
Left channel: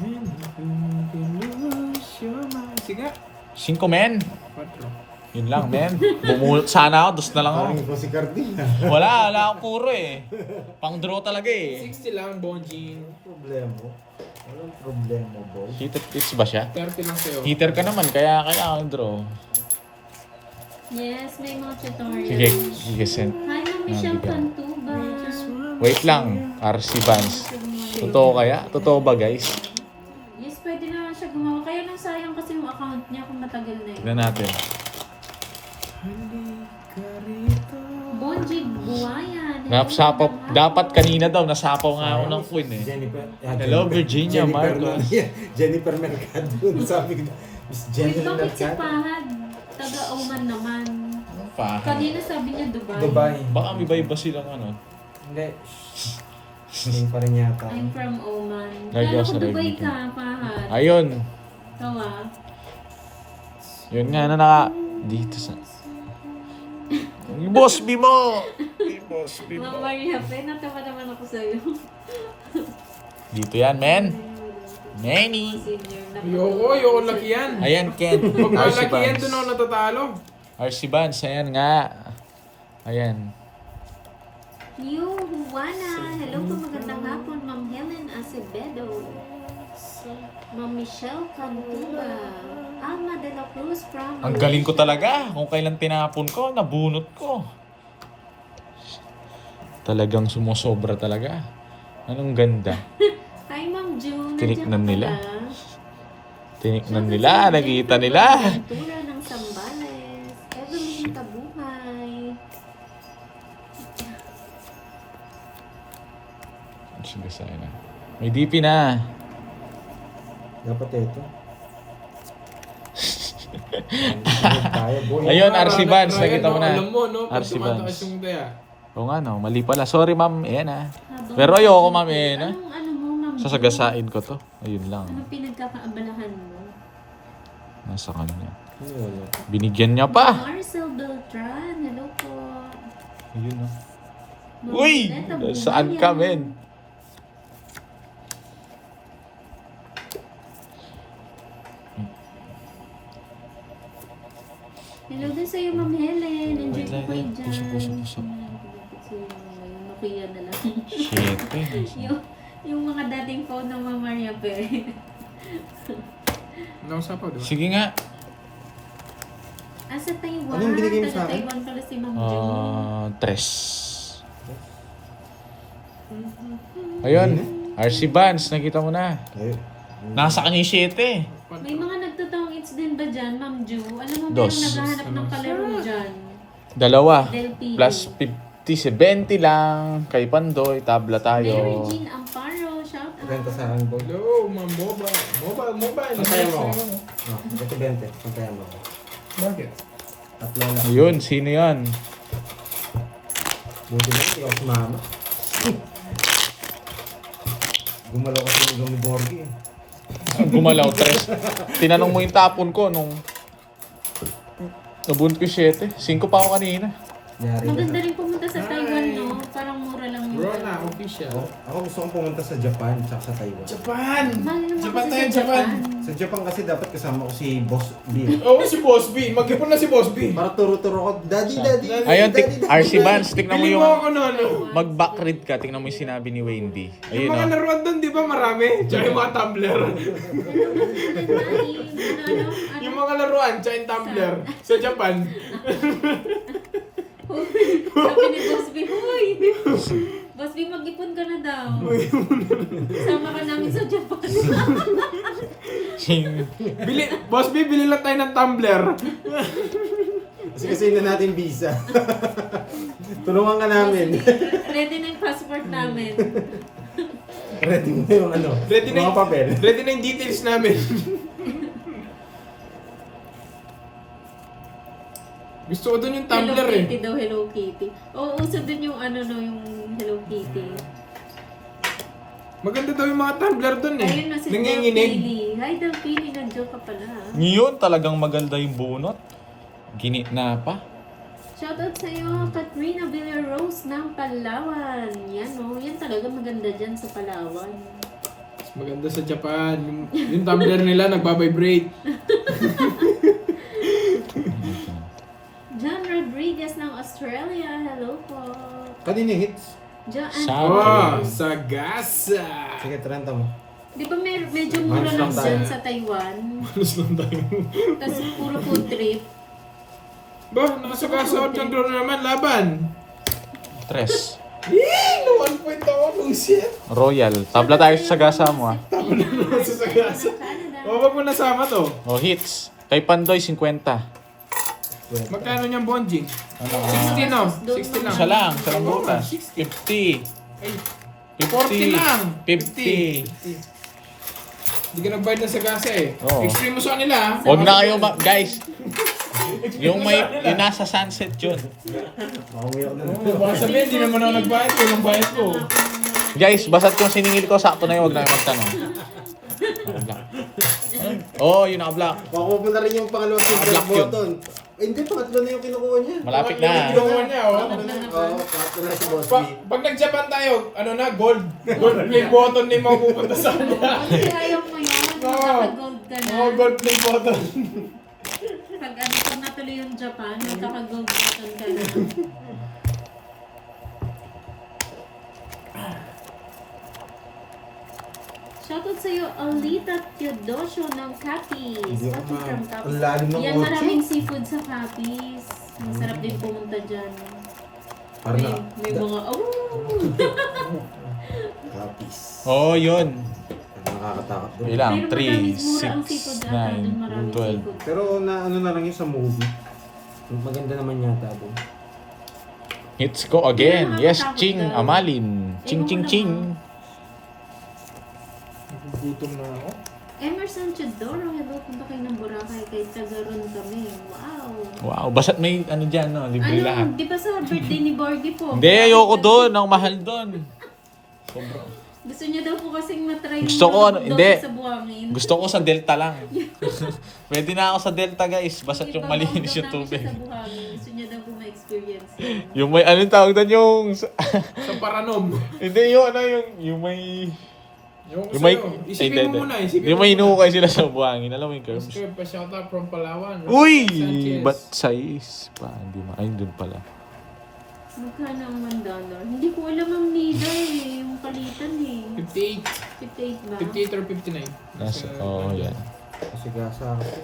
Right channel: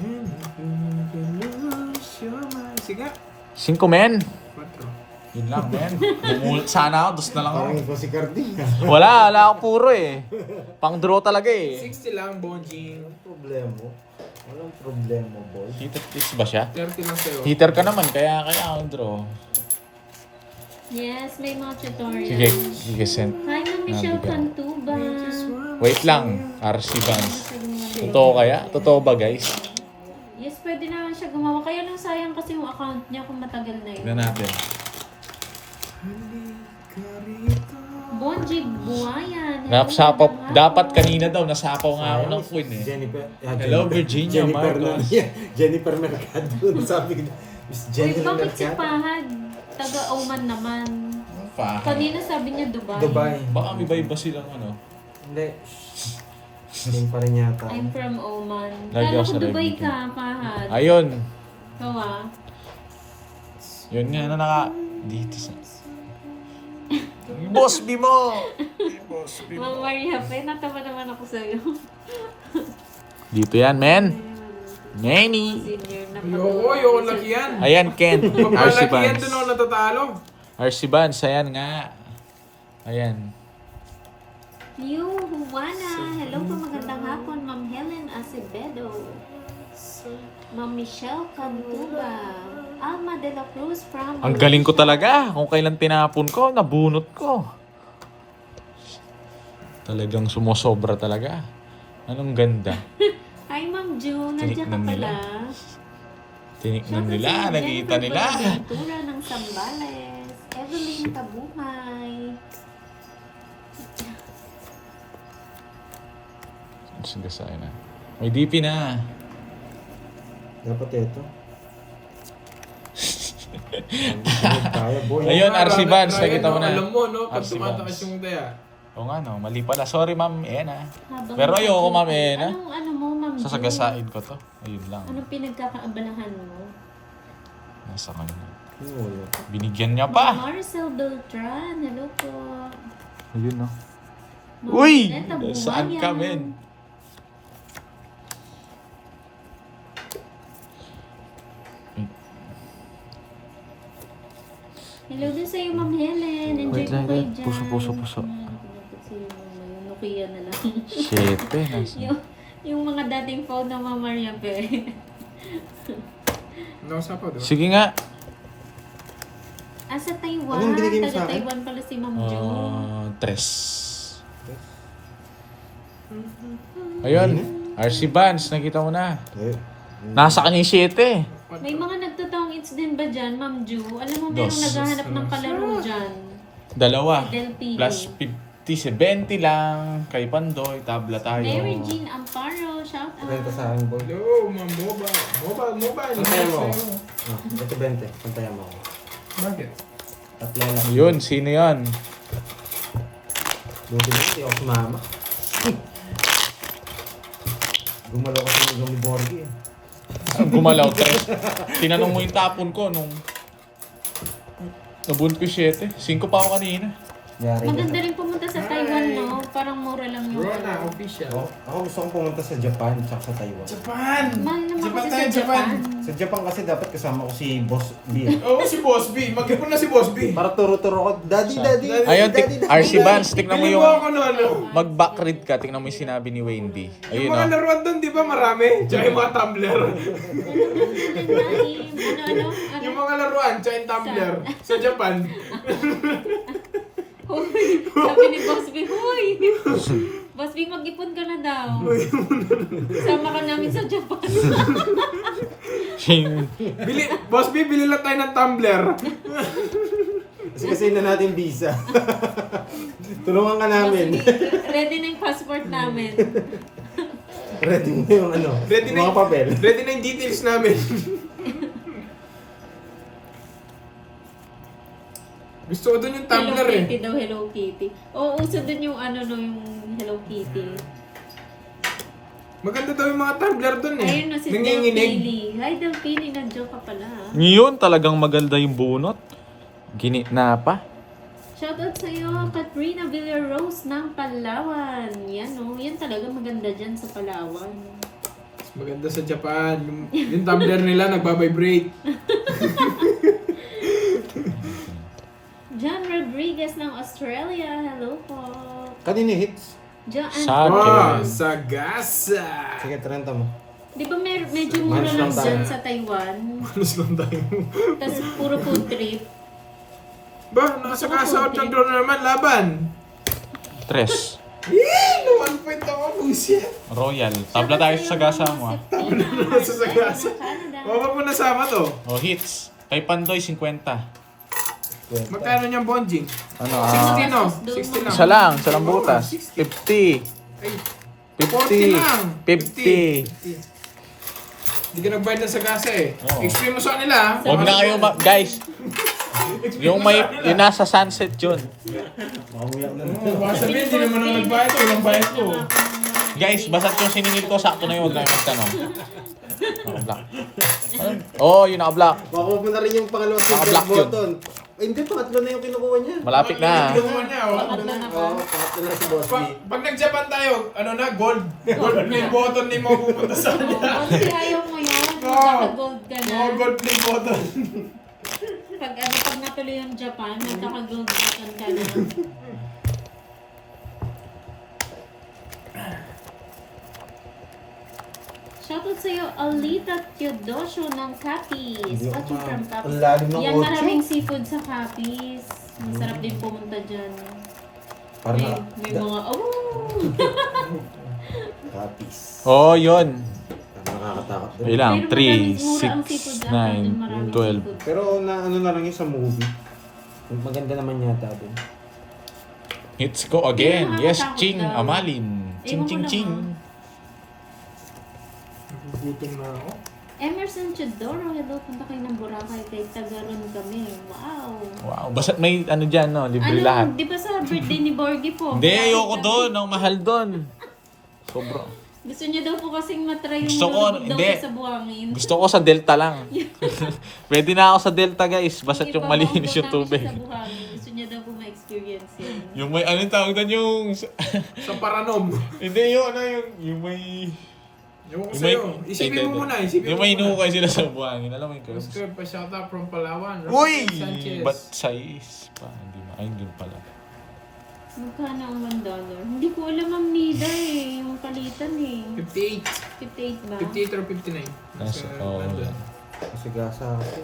And if you can lose your mind. Sige. 5 men. 4. Yun lang men. Bumulot sana ako, dos na lang Parang ako. ikaw si Cardi. Wala ako puro eh. Pang draw talaga eh. 60 lang, Bonjing. Walang problema. Walang problema, boy. Hits ba siya? 30 lang sa'yo. Hitter ka naman, kaya ako draw. Yes, may mga tutorials. Sige, send. Hi, Ma'am Michelle Nabigyan. Cantuba. Wait lang, RC Bands. Totoo kaya? Totoo ba guys? Yes, pwede naman siya gumawa. Kaya lang sayang kasi yung account niya kung matagal na yun. Tignan natin. Halika rito. Bonji Buayan. Nasapaw, dapat kanina daw, nasapaw nga ako ng queen eh. Jennifer. Hello, Virginia Marcos. Jennifer Mercado. Sabi ko, Miss Wait, Jennifer bakit si Mercado. Pahad? Taga-Oman naman. Kanina sabi niya Dubai. Dubai. Baka may iba silang ano. Hindi. Hindi pa rin yata. I'm from Oman. Lagi Kala ako ko sa Dubai Reddit. ka, Pahad. Ayun. Ikaw ah. Yun nga na dito sa... Boss B mo! Boss B Ma'am mo. Maria Pe, natawa naman ako sa'yo. Dito yan, men. Nanny. Senior na Ayoko laki yan. Ayan, Ken. Pag RC malaki yan, Bands. doon ako natatalo. RC Bands, ayan nga. Ayan. New Juana. Hello po, magandang hapon. Ma'am Helen Acevedo. Ma'am Michelle Cantuba. Alma de la Cruz from Ang galing ko Malaysia. talaga. Kung kailan tinapon ko, nabunot ko. Talagang sumusobra talaga. Anong ganda. Hi, Ma'am June. Nandiyan ka Tinignan nila. pala. Tiniknan nila, nakita nila. Tura ng Sambales. Evelyn Kabuhay. Sige sa'yo na. May DP na. Dapat ito. Tayo, boy. Ayun, RC Vans, nakita mo na. Alam mo, no? Pag RC tumatakas Vans. yung daya. Oo nga no, mali pala. Sorry ma'am, ayan ah. Habang Pero ayoko ma'am, ayan ah. Ano mo, Ma'am June? Sasagasain ko to. Ayun lang. Anong pinagkakaabalahan mo? Nasa kanya. Wala. Binigyan niya pa. Marcel Beltran. Hello po. Ayun no. Ma'am Uy! Jeanette Abumayan. Saan ka men? Hello din sa'yo, Ma'am Helen. Enjoy ko kayo dyan. Puso. Yung Nokia na lang. Shit eh. yung mga dating phone ng Ma'am Maria Pe. Nausa pa, diba? Sige nga. Sa Taiwan. Anong binigay mo sa akin? Taiwan pala si Ma'am June. Tres. Ayun. RC Vans, nakita mo na. Ayun. Nasa kanya yung 7. May mga nagtotoong it's din ba dyan, Ma'am Ju? Alam mo, Dos. merong naghahanap ng kalaro dyan. Dalawa. Del Pino. Plus 50, 20 lang. Kay Pandoy, tabla tayo. Mary Jean Amparo, shout out. Benta sa akin, boy. Hello, ma'am, Moba. Moba. Antayan mo ako. Ito 20. Antayan mo ako. Bakit? Tatlo lang. Yun, sino yan? Buti na, hindi ako sumama. Gumalaw kasi ng Borgi eh. Gumalaw, tres. Tinanong mo yung tapon ko nung nabunot ko 7. 5 pa ako kanina. Yari Maganda ka. rin pumunta sa Taiwan, no? Parang mura lang yung... Rona, official. Ako gusto kong pumunta sa Japan tsaka sa Taiwan. Japan! Mahal naman Japan kasi tayo, sa Japan. Japan. Sa Japan kasi dapat kasama ko si Boss B. Oo, si Boss B. Mag-ipon na si Boss B. Para turo-turo ko, Daddy, Saan? Daddy, Ayun, Daddy, Daddy, RC Daddy." Vans, tignan mo Bili yung mo ako na ano. mag-backread ka. Tignan mo yung sinabi ni Wayne B. Ayun Yung mga o. laruan doon, di ba marami? Tsaka yung mga tumbler. Yung mga laruan, tsaka yung tumbler. Sa Japan. Sabi ni Boss B, huy! Boss B, mag-ipon ka na daw. Sama ka namin sa Japan. Boss B, bili lang tayo ng tumbler. Kasi na natin visa. Tulungan ka namin. Ready na yung passport namin. Ready mo yung ano, Ready yung na mga papel. Ready na yung details namin. Gusto ko doon yung Hello tumbler Kitty eh. daw, Hello Kitty. Oo, uso din yung ano no, yung Hello Kitty. Maganda daw yung mga tumbler doon eh. Ayun na si Nanginginig. Delphine. Hi Delphine, nandiyo ka pala. Ngayon, talagang maganda yung bunot. Ginitna pa. Shoutout sa'yo, Katrina Villarose ng Palawan. Yan o, yan talaga maganda dyan sa Palawan. Maganda sa Japan. Yung tumbler nila nagbabibrate. John Rodriguez ng Australia, hello po. Kanina hits. John, Sa- Wow, Okay. sagasa. Sige, 30 mo. di ba medyo mura Manos lang lang tayo. dyan sa Taiwan? Malos lang tayo. Tapos puro food trip. Ba, nakasagasa out ng drone naman, laban. Tres. No 1 point ako, bullshit. Royal. Tabla tayo sa sagasa mo ah. Sa sagasa. O, wag mo nasama to. O, hits. Kay Pandoy, 50. Magkano niyang bonjing? Ano 60 no? 60 lang. Isa lang butas. 50. Ay, 50. 40 lang. 50. Hindi ka nagbayad ng sagasa eh. Oo. Extreme mo sa kanila. Huwag na kayo, guys. Yung nasa sunset yun. Mauwi ako na. Oo, baka sabihin, hindi naman ako nagbayad. Walang bayad ko. Guys, basta't kung siningil ko, sakto na yun. Huwag na kayo magtanong. Naka-block. Oh, yun naka-block. Makuha na rin yung pangalawang Naka-block silver yun. button. Eh, hindi, pangatlo na yung kinukuha niya. Malapit na. Kinuha niya, oh. Pangatlo na, pangatlo na si Boss B. Pag nag-Japan tayo, ano na, gold. Gold play button na yung mapupunta sa kanya. Kasi ayaw mo yun, magkaka-gold ka na. Oo, gold play button. Pag natuloy yung Japan, magkaka-gold button ka na. Shoutout sa'yo, Alita Teodosio ng Capiz. Hindi ako Watching from Ang Capiz. lalim ng Yan, 8. maraming seafood sa Capiz. Masarap din pumunta dyan. Parang May mga, Tapis. Oh, yun. Nakakatakot din. Ilang? Pero 3, madamis mura ang seafood 6, ata dun, 9, maraming 12. seafood. Pero na ano na lang yun sa movie. Maganda naman yata din. Hits ko again. Yeah, Yes, nakakatakot Ching daw. Amalin. Ching, Ewan ko ching, naman. ching. Gutom na ako. Emerson Chodoro, hello, punta kayo ng Boracay, kay Tagaron kami. Wow! Wow, basta't may ano dyan, no? Libre lahat. Di ba sa birthday ni Borgie po? Hindi, ayoko doon. Ang mahal doon. Sobra. Gusto niya daw po kasing matry yung Gusto ko, malubog daw hindi. siya sa buhangin. Gusto ko sa Delta lang. Pwede na ako sa Delta, guys. Basta't Hindi yung pa malinis maubos yung namin tubig. siya sa buhangin. Gusto niya daw po ma-experience yun. Yung may, anong tawag doon yung... Sa Paranom. Hindi, yung ano, yung may... Yung Yung may... sa'yo. Isipin mo muna, isipin Yung mo may muna. hinukay sila sa buhangin. Alam mo yung curves? Oscar Pasyata from Palawan. Uy! Rafael Sanchez. Ba't sais? Pa, hindi na. Ayun dun pala. Magkano ang $1? Hindi ko alam ang nida eh. Yung palitan eh. 58. 58 ba? 58 or 59. Nasa, oo, yan. Kasi gasa kasi.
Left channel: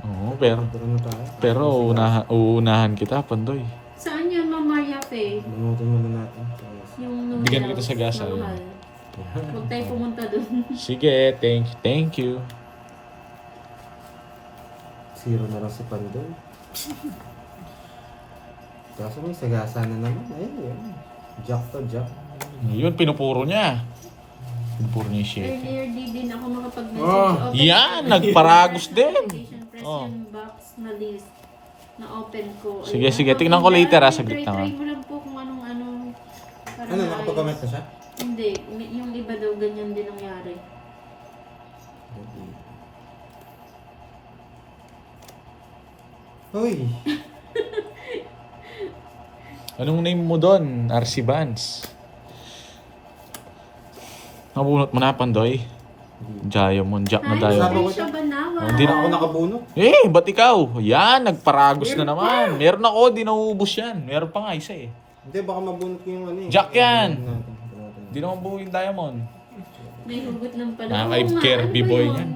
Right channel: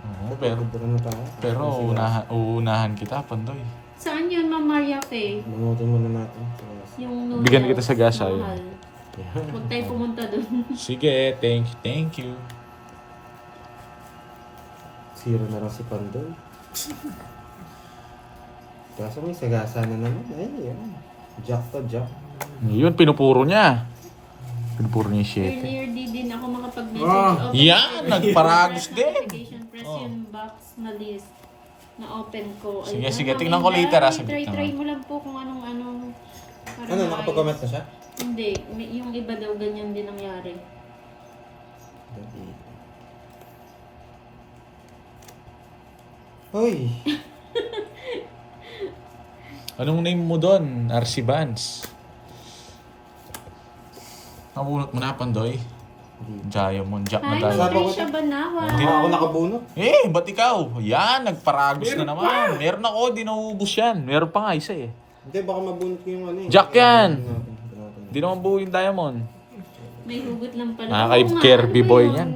Oo, pero... Pagpapura na tayo. Pero uunahan kita, Pandoy. Saan yun, Ma'am Maria Fe? Manutin muna natin. Yung noodles Bigyan kita sa gasa, na yun. mahal. Huwag tayo pumunta dun. Sige, thank you. Zero na lang si Pandoy. Kaso may sagasa na naman. Ayun, ayun. Jack to Jack. Yun, pinupuro niya. Pinupuro niya yung shit. Earlier di din ako makapag-message. Oh. Open Yan, ko. nagparagos din. Notification, press Oh. yung box na list na open ko. Sige, Ayun. sige, tingnan ko later, saglit Try lang, mo lang po kung anong para Ano, nakapag-comment na siya? Hindi, yung iba daw ganyan din nangyari. Hoy! Anong name mo doon? RC Vance. Nabunot mo na, Pandoy. Diamond, Jack mo Hi, tayo. Sabi ko Trisha Banawa. Hindi na ako nakabunot. Eh, ba't ikaw? Yan, nagparagos Meron na naman. Meron ako, di nauubos yan. Meron pa nga isa eh. Hindi, baka mabunot ko yung ano eh. Jack yan! Bunutin natin. Di naman buo yung diamond. May hugot lang pala. Nakaka- Oo nga, Kirby ano ba boy yun? yan.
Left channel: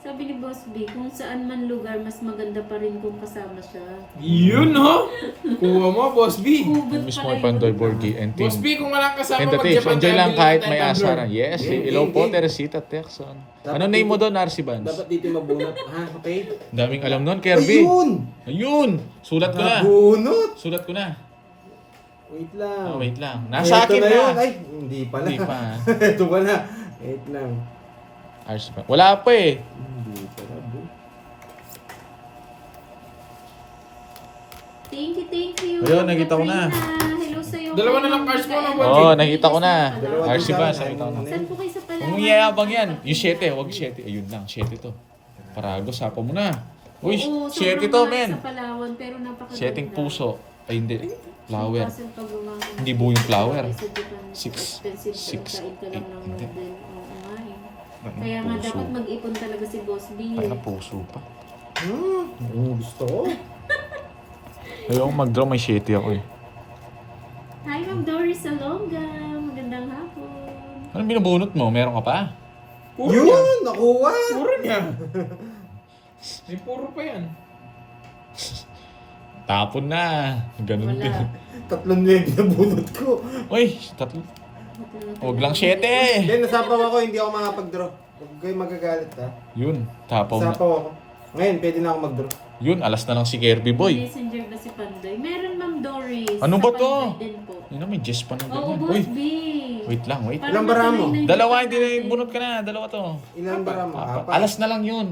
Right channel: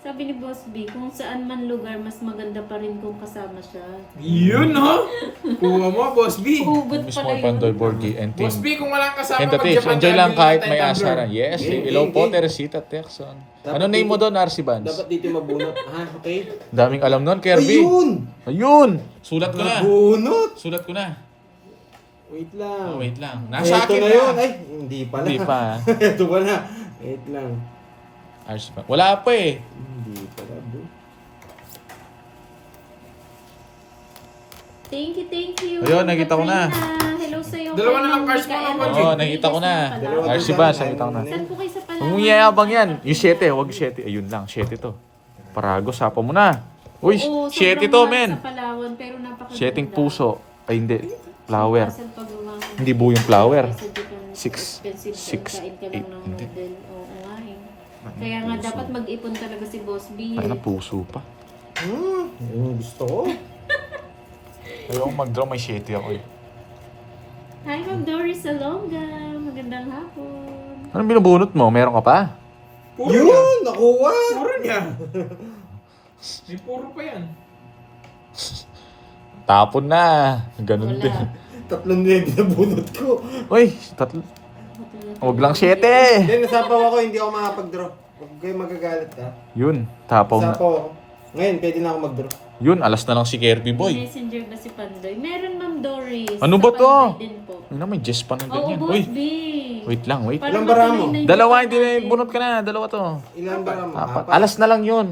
Sabi ni Boss B, kung saan man lugar, mas maganda pa rin kung kasama siya. Yun, no? Kuha mo, Boss B. Hugot Miss pala mo Pandoy, yun. Borgie, and Boss team. B, kung walang kasama And the tips, mag-Japan enjoy lang tayo, kahit tayo may tumbler. asaran. Yes, Eh, hello eh, po, eh. Teresita Texon. Dapat Ano name mo dito- doon, RC Vance? Dapat dito mabunot. Ha, okay? Daming alam nun, Kirby. Ayun! Ayun! Sulat ko na. Nabunot! Sulat ko na. Wait lang. Oh, wait lang. Nasa Ito akin na na. yun. Ay, hindi pala. Hindi pa. Ito pala. Wait lang. RC Vance. Wala pa eh. Hindi pala, bro. Thank you. Ayun, nakita ko na. Katrina. Hello sa'yo. Dalawa na lang cards mo, Mikael. no, Oo, nakita ko na. Dalawa RC din Vance, sa akin. nakita ko na. Saan po kayo sa Palawan? Ang yayabang yan. Yung 7, huwag 7. Ayun lang, 7 to. Paragos, hapa mo na. Uy, Oo, 7 sobrang to, mahal men. Sa Palawan, pero napakaganda. 7 puso. Ay, hindi. Flower. Hassle pag bumangin. Hindi buo yung flower. Sa Japan, 6, expensive 6, kain ka 8. lang ng Hindi. noodle. Oo nga eh. Kaya nga dapat mag-ipon talaga si Boss B Ano, eh. puso pa. Yun yung gusto ko. Ayun, mag-draw may 7 ako eh. Hi, Ma'am Doris Salonga. Magandang hapon. Anong binubunot mo? Meron ka pa? Puro niya. Yun! Nakuha! Puro niya. May puro pa yan. Tapon na. Ganun din. Wala. Tatlong na yung binabunot ko. Uy, tatlo. Huwag lang 7. Hindi, nasapaw ako. Hindi ako makapag-draw. Huwag kayo magagalit ha. Yun, tapaw na. Nasapaw ako. Ngayon, pwede na ako mag-draw. Yun, alas na lang si Kirby Boy. Messenger na si Pandoy. Meron, Ma'am Doris. Ano ba Sa to? Pandoy din po. Yun na, may Jess pa na Oo, ganyan. Boss Uy, B. wait lang, wait. Para Ilang bara mo? matuloy na yung Dalawa, Japan hindi na natin. bunot ka na. Dalawa to. Ilan ba mo? Apat. Alas na lang yun.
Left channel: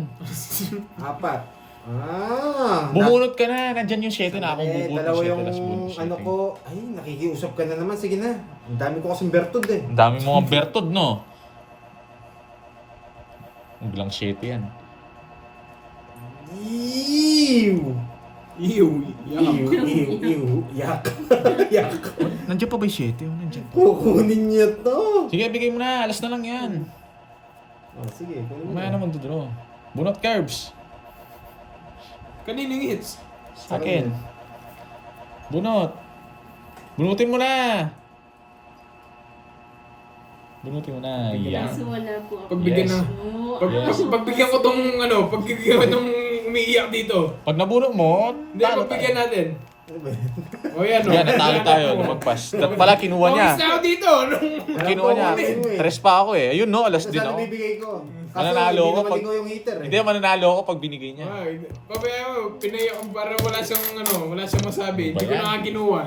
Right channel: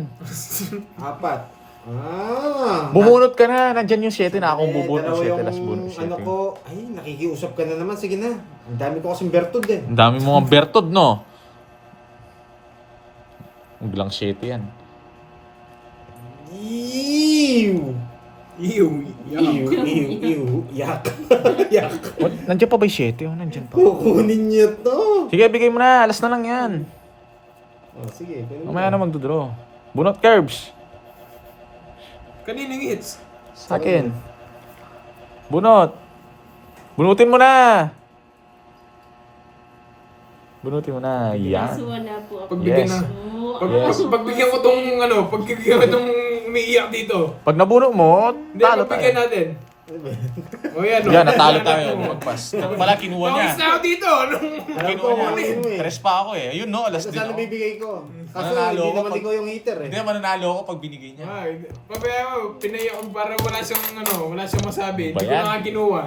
Apat. Ah! Bumunot ka na. Nandyan yung 7 na akong bubunot. Dalawa 7 yung las bunot. ano ko. Ay, nakikiusap ka na naman. Sige na. Ang dami ko kasing bertod eh. Ang dami mga bertod, no? Bilang 7 yan. Ew! Ew. Ew, ew, yak. Yak. Oh, nandiyan pa ba yung 7? Oh, nandiyan pa. Kukunin niya to. Sige, bigay mo na. Alas na lang yan. Oh, sige. kunin mo. Mamaya na magdodraw. Bunot curbs. Kaninang hits? Sa akin. Bunot. Bunutin mo na. Bunutin mo na. Yan. Kaso wala po ako. Pagbigyan Yes. na. Oo. Yes. Pagbigyan ko tong ano, pagbigyan ko tong umiiyak dito. Pag nabuno mo, Hindi, talo pagbigyan tayo. natin. Ano ba? O yan o. Yan, natalo tayo. Lumagpas. Dapat pala kinuha niya. Tawis na ako dito. Alam ko Kinuha kung ano niya. yun eh. Tres pa ako eh. Ayun no, alas Ito din sana ako. bibigay ko. Kaso Nanalo hindi ako naman pag- ko yung heater eh. Hindi, mananalo ako pag binigay niya. Ay, papaya ko, pinaya ko para wala siyang ano, wala siyang masabi. Ba Hindi ko yan? na nga kinuha.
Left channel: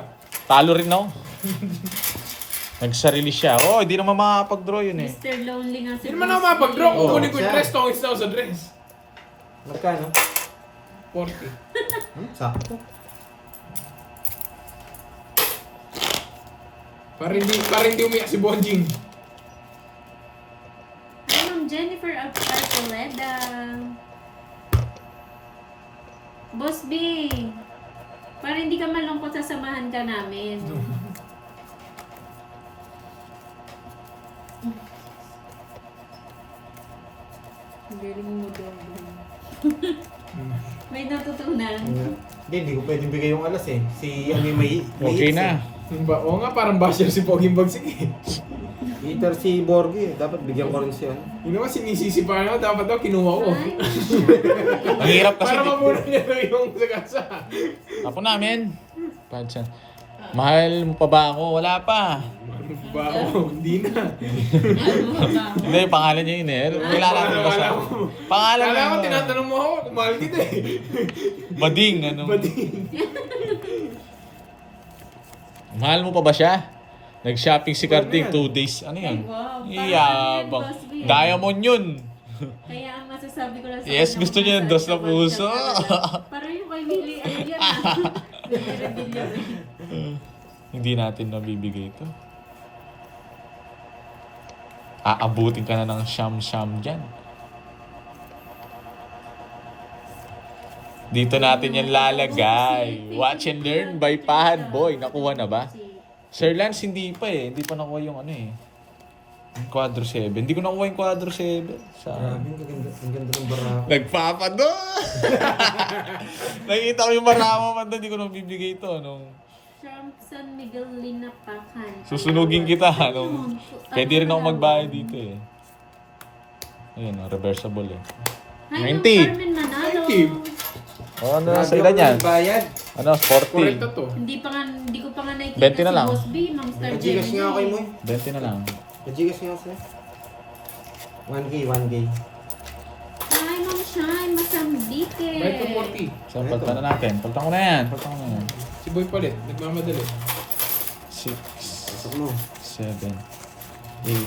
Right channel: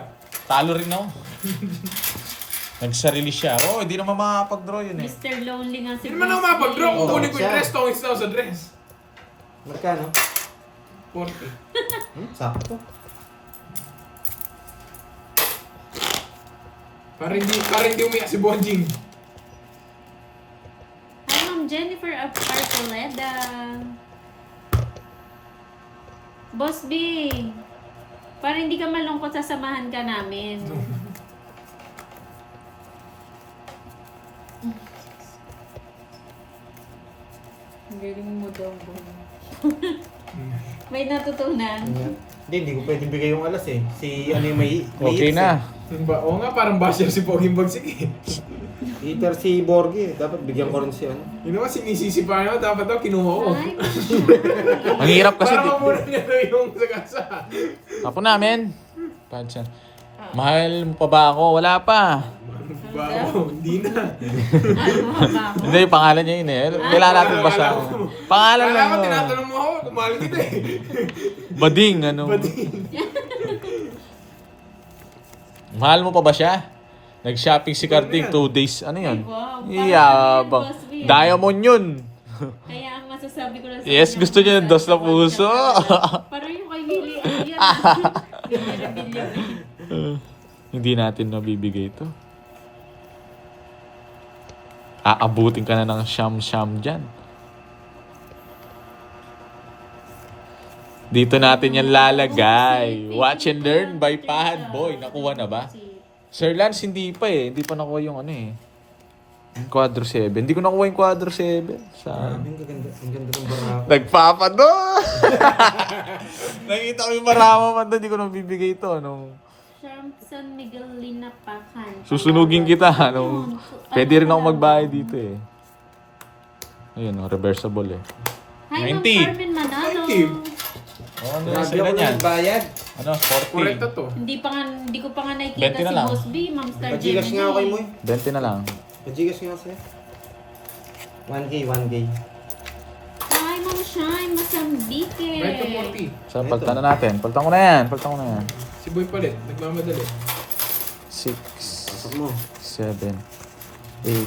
Talo rin ako. Nagsarili siya. Oh, hindi naman makapag-draw yun eh. Mr. Lonely nga si Hindi naman ako Bruce mapag-draw. Lee. Kukunin ko yung Siya. dress, tawis na ako sa dress. Magkano? 40. Sakto. Para hindi umiyak si Bonjing. Hi, Ma'am Jennifer of Arcoleda. Boss B, para hindi ka malungkot, sasamahan ka namin. Galing mo daw. May natutunan. Hindi ko pwedeng bigay yung alas eh. Si ano yung may Okay hits na. Oo nga, parang basher si Poging Bagsik eh. eh. Heater si Borgie. Dapat bigyan ko rin siya. Ano? Yun naman, sinisisi pa nga, dapat daw kinuha ko. Ay, Ang hirap kasi. Para mamuna niya na yung sagasa. Ako namin. Pansan. Mahal mo pa ba ako? Wala pa. Ba ako, hindi na. ano ba? Hindi, yung pangalan niya yun eh. Kailangan natin ba siya? Pangalan Kala ko mo. tinatanong mo ako kung mahal kita eh. Bading, ano? Bading. Mahal mo pa ba siya? Nag-shopping si Carding Ano 2 days. Ano yun? Ay, wow. Iyabang. Parang yan, Diamond yun. Kaya ang masasabi ko lang sa Yes, kanya, gusto niya yung dos na puso. Parang yung kay Willie, ano yan? Rebellion. Hindi natin nabibigay ito. Aabutin ka na ng siyam-siyam dyan. Dito natin yan lalagay. Watch and learn by Pahad Boy. Nakuha na ba? Sir Lance, hindi pa eh. Hindi pa nakuha yung ano eh. Yung Quadro 7. Hindi ko nakuha yung Quadro 7. Sa... Grabe, ang ganda. Ang ganda ng barako. Nagpapado! Nakita ko yung marama man doon. Hindi ko nabibigay ito. Ano? San Miguel Linapakan. Susunugin kita. Ano? Pwede rin ako magbayad dito eh. Ayun, reversible eh. Hi, 90. Ma'am Carmen Manalo. 90. Oh, ano Grabe sa ilan ako yan? nagbayad. Ano, 40. Correcto to. Hindi ko pa nga 20 nakikita na si lang. Boss B, Ma'am Star Pajigas nga ako kay Moy. 20 na lang. Pajigas nga siya. 1K, 1K. Hi, Ma'am Shine, Masambike. Right to 40. So, palitan na natin. Palitan ko na yan. Palitan ko na yan. Si Boy palit, nagmamadali. 6, Pasok mo. 7, 8,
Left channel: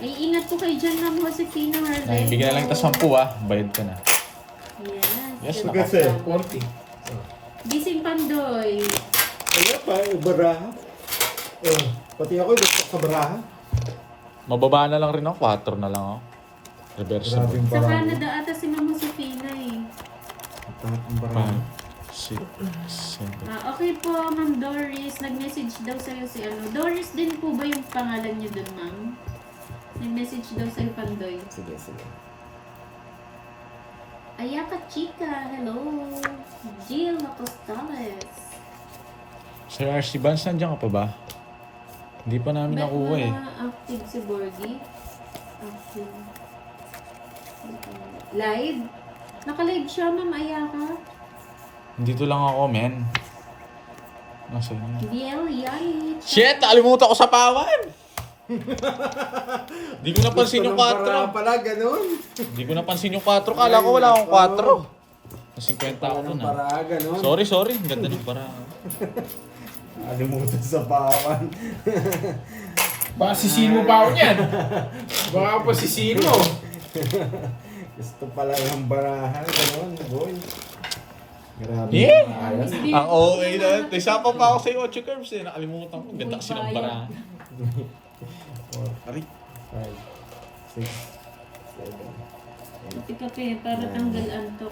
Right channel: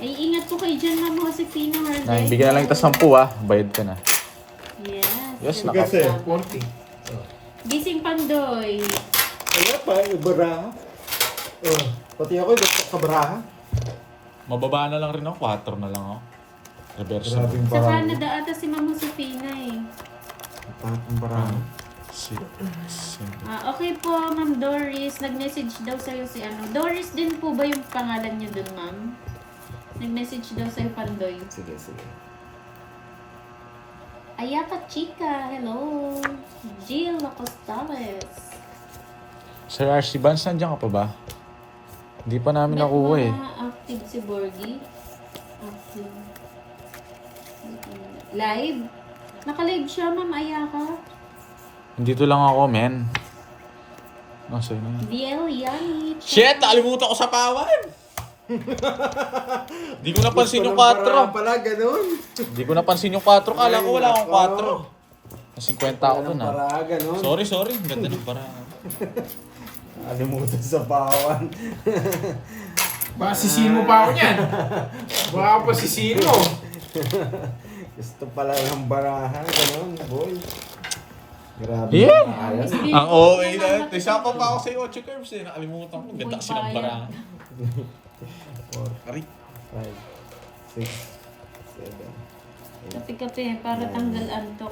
Ay, ingat po kayo dyan, Ma'am Josefina. 9. Bigyan na lang ito 10 ah. Bayad ka na. Yes. Yes, Ganda. Kasi. 40. Gising Pandoy. Wala pa, baraha. Oh, pati ako, gusto sa baraha. Mababa na lang rin ako. 4 na lang ako. Reversible. Grabe yung Sa baraha. Canada ata si Ma'am Josefina eh. Tatak yung baraha. 6, 7. Okay po, Ma'am Doris. Nag-message daw sa'yo si ano. Doris din po ba yung pangalan niyo dun, Ma'am? Nag-message daw sa'yo, Pandoy. Sige, sige. Ayaka Chica, hello. Jill Apostales. Sir RC Vance, nandiyan ka pa ba? Hindi pa namin nakuha eh. Active si Borgie. Active. Live? Naka-live siya, Ma'am Ayaka. Dito lang ako, men. Nasa na? DL Yani. Shit! Nakalimutan ko sa pawan! Di ko napansin yung Baraha 4. pala, ganun. Di ko napansin yung 4. Kala ko wala akong 4. Na 50 ako dun ah. Baraha, ganun. Sorry. Ganda ng para. Alimutan sa pawan. Baka sisihin mo pa ako niyan. Baka pa sisihin mo. Gusto pala ng baraha, ganun, boy. Grabe. Yeah. Ayan. Ang OA na. Isa pa ako sa 8 curves eh. Nakalimutan ko. Ganda kasi ng bara. 4, Aray. 5, 6, 7, Kape-kape para tanggal antok.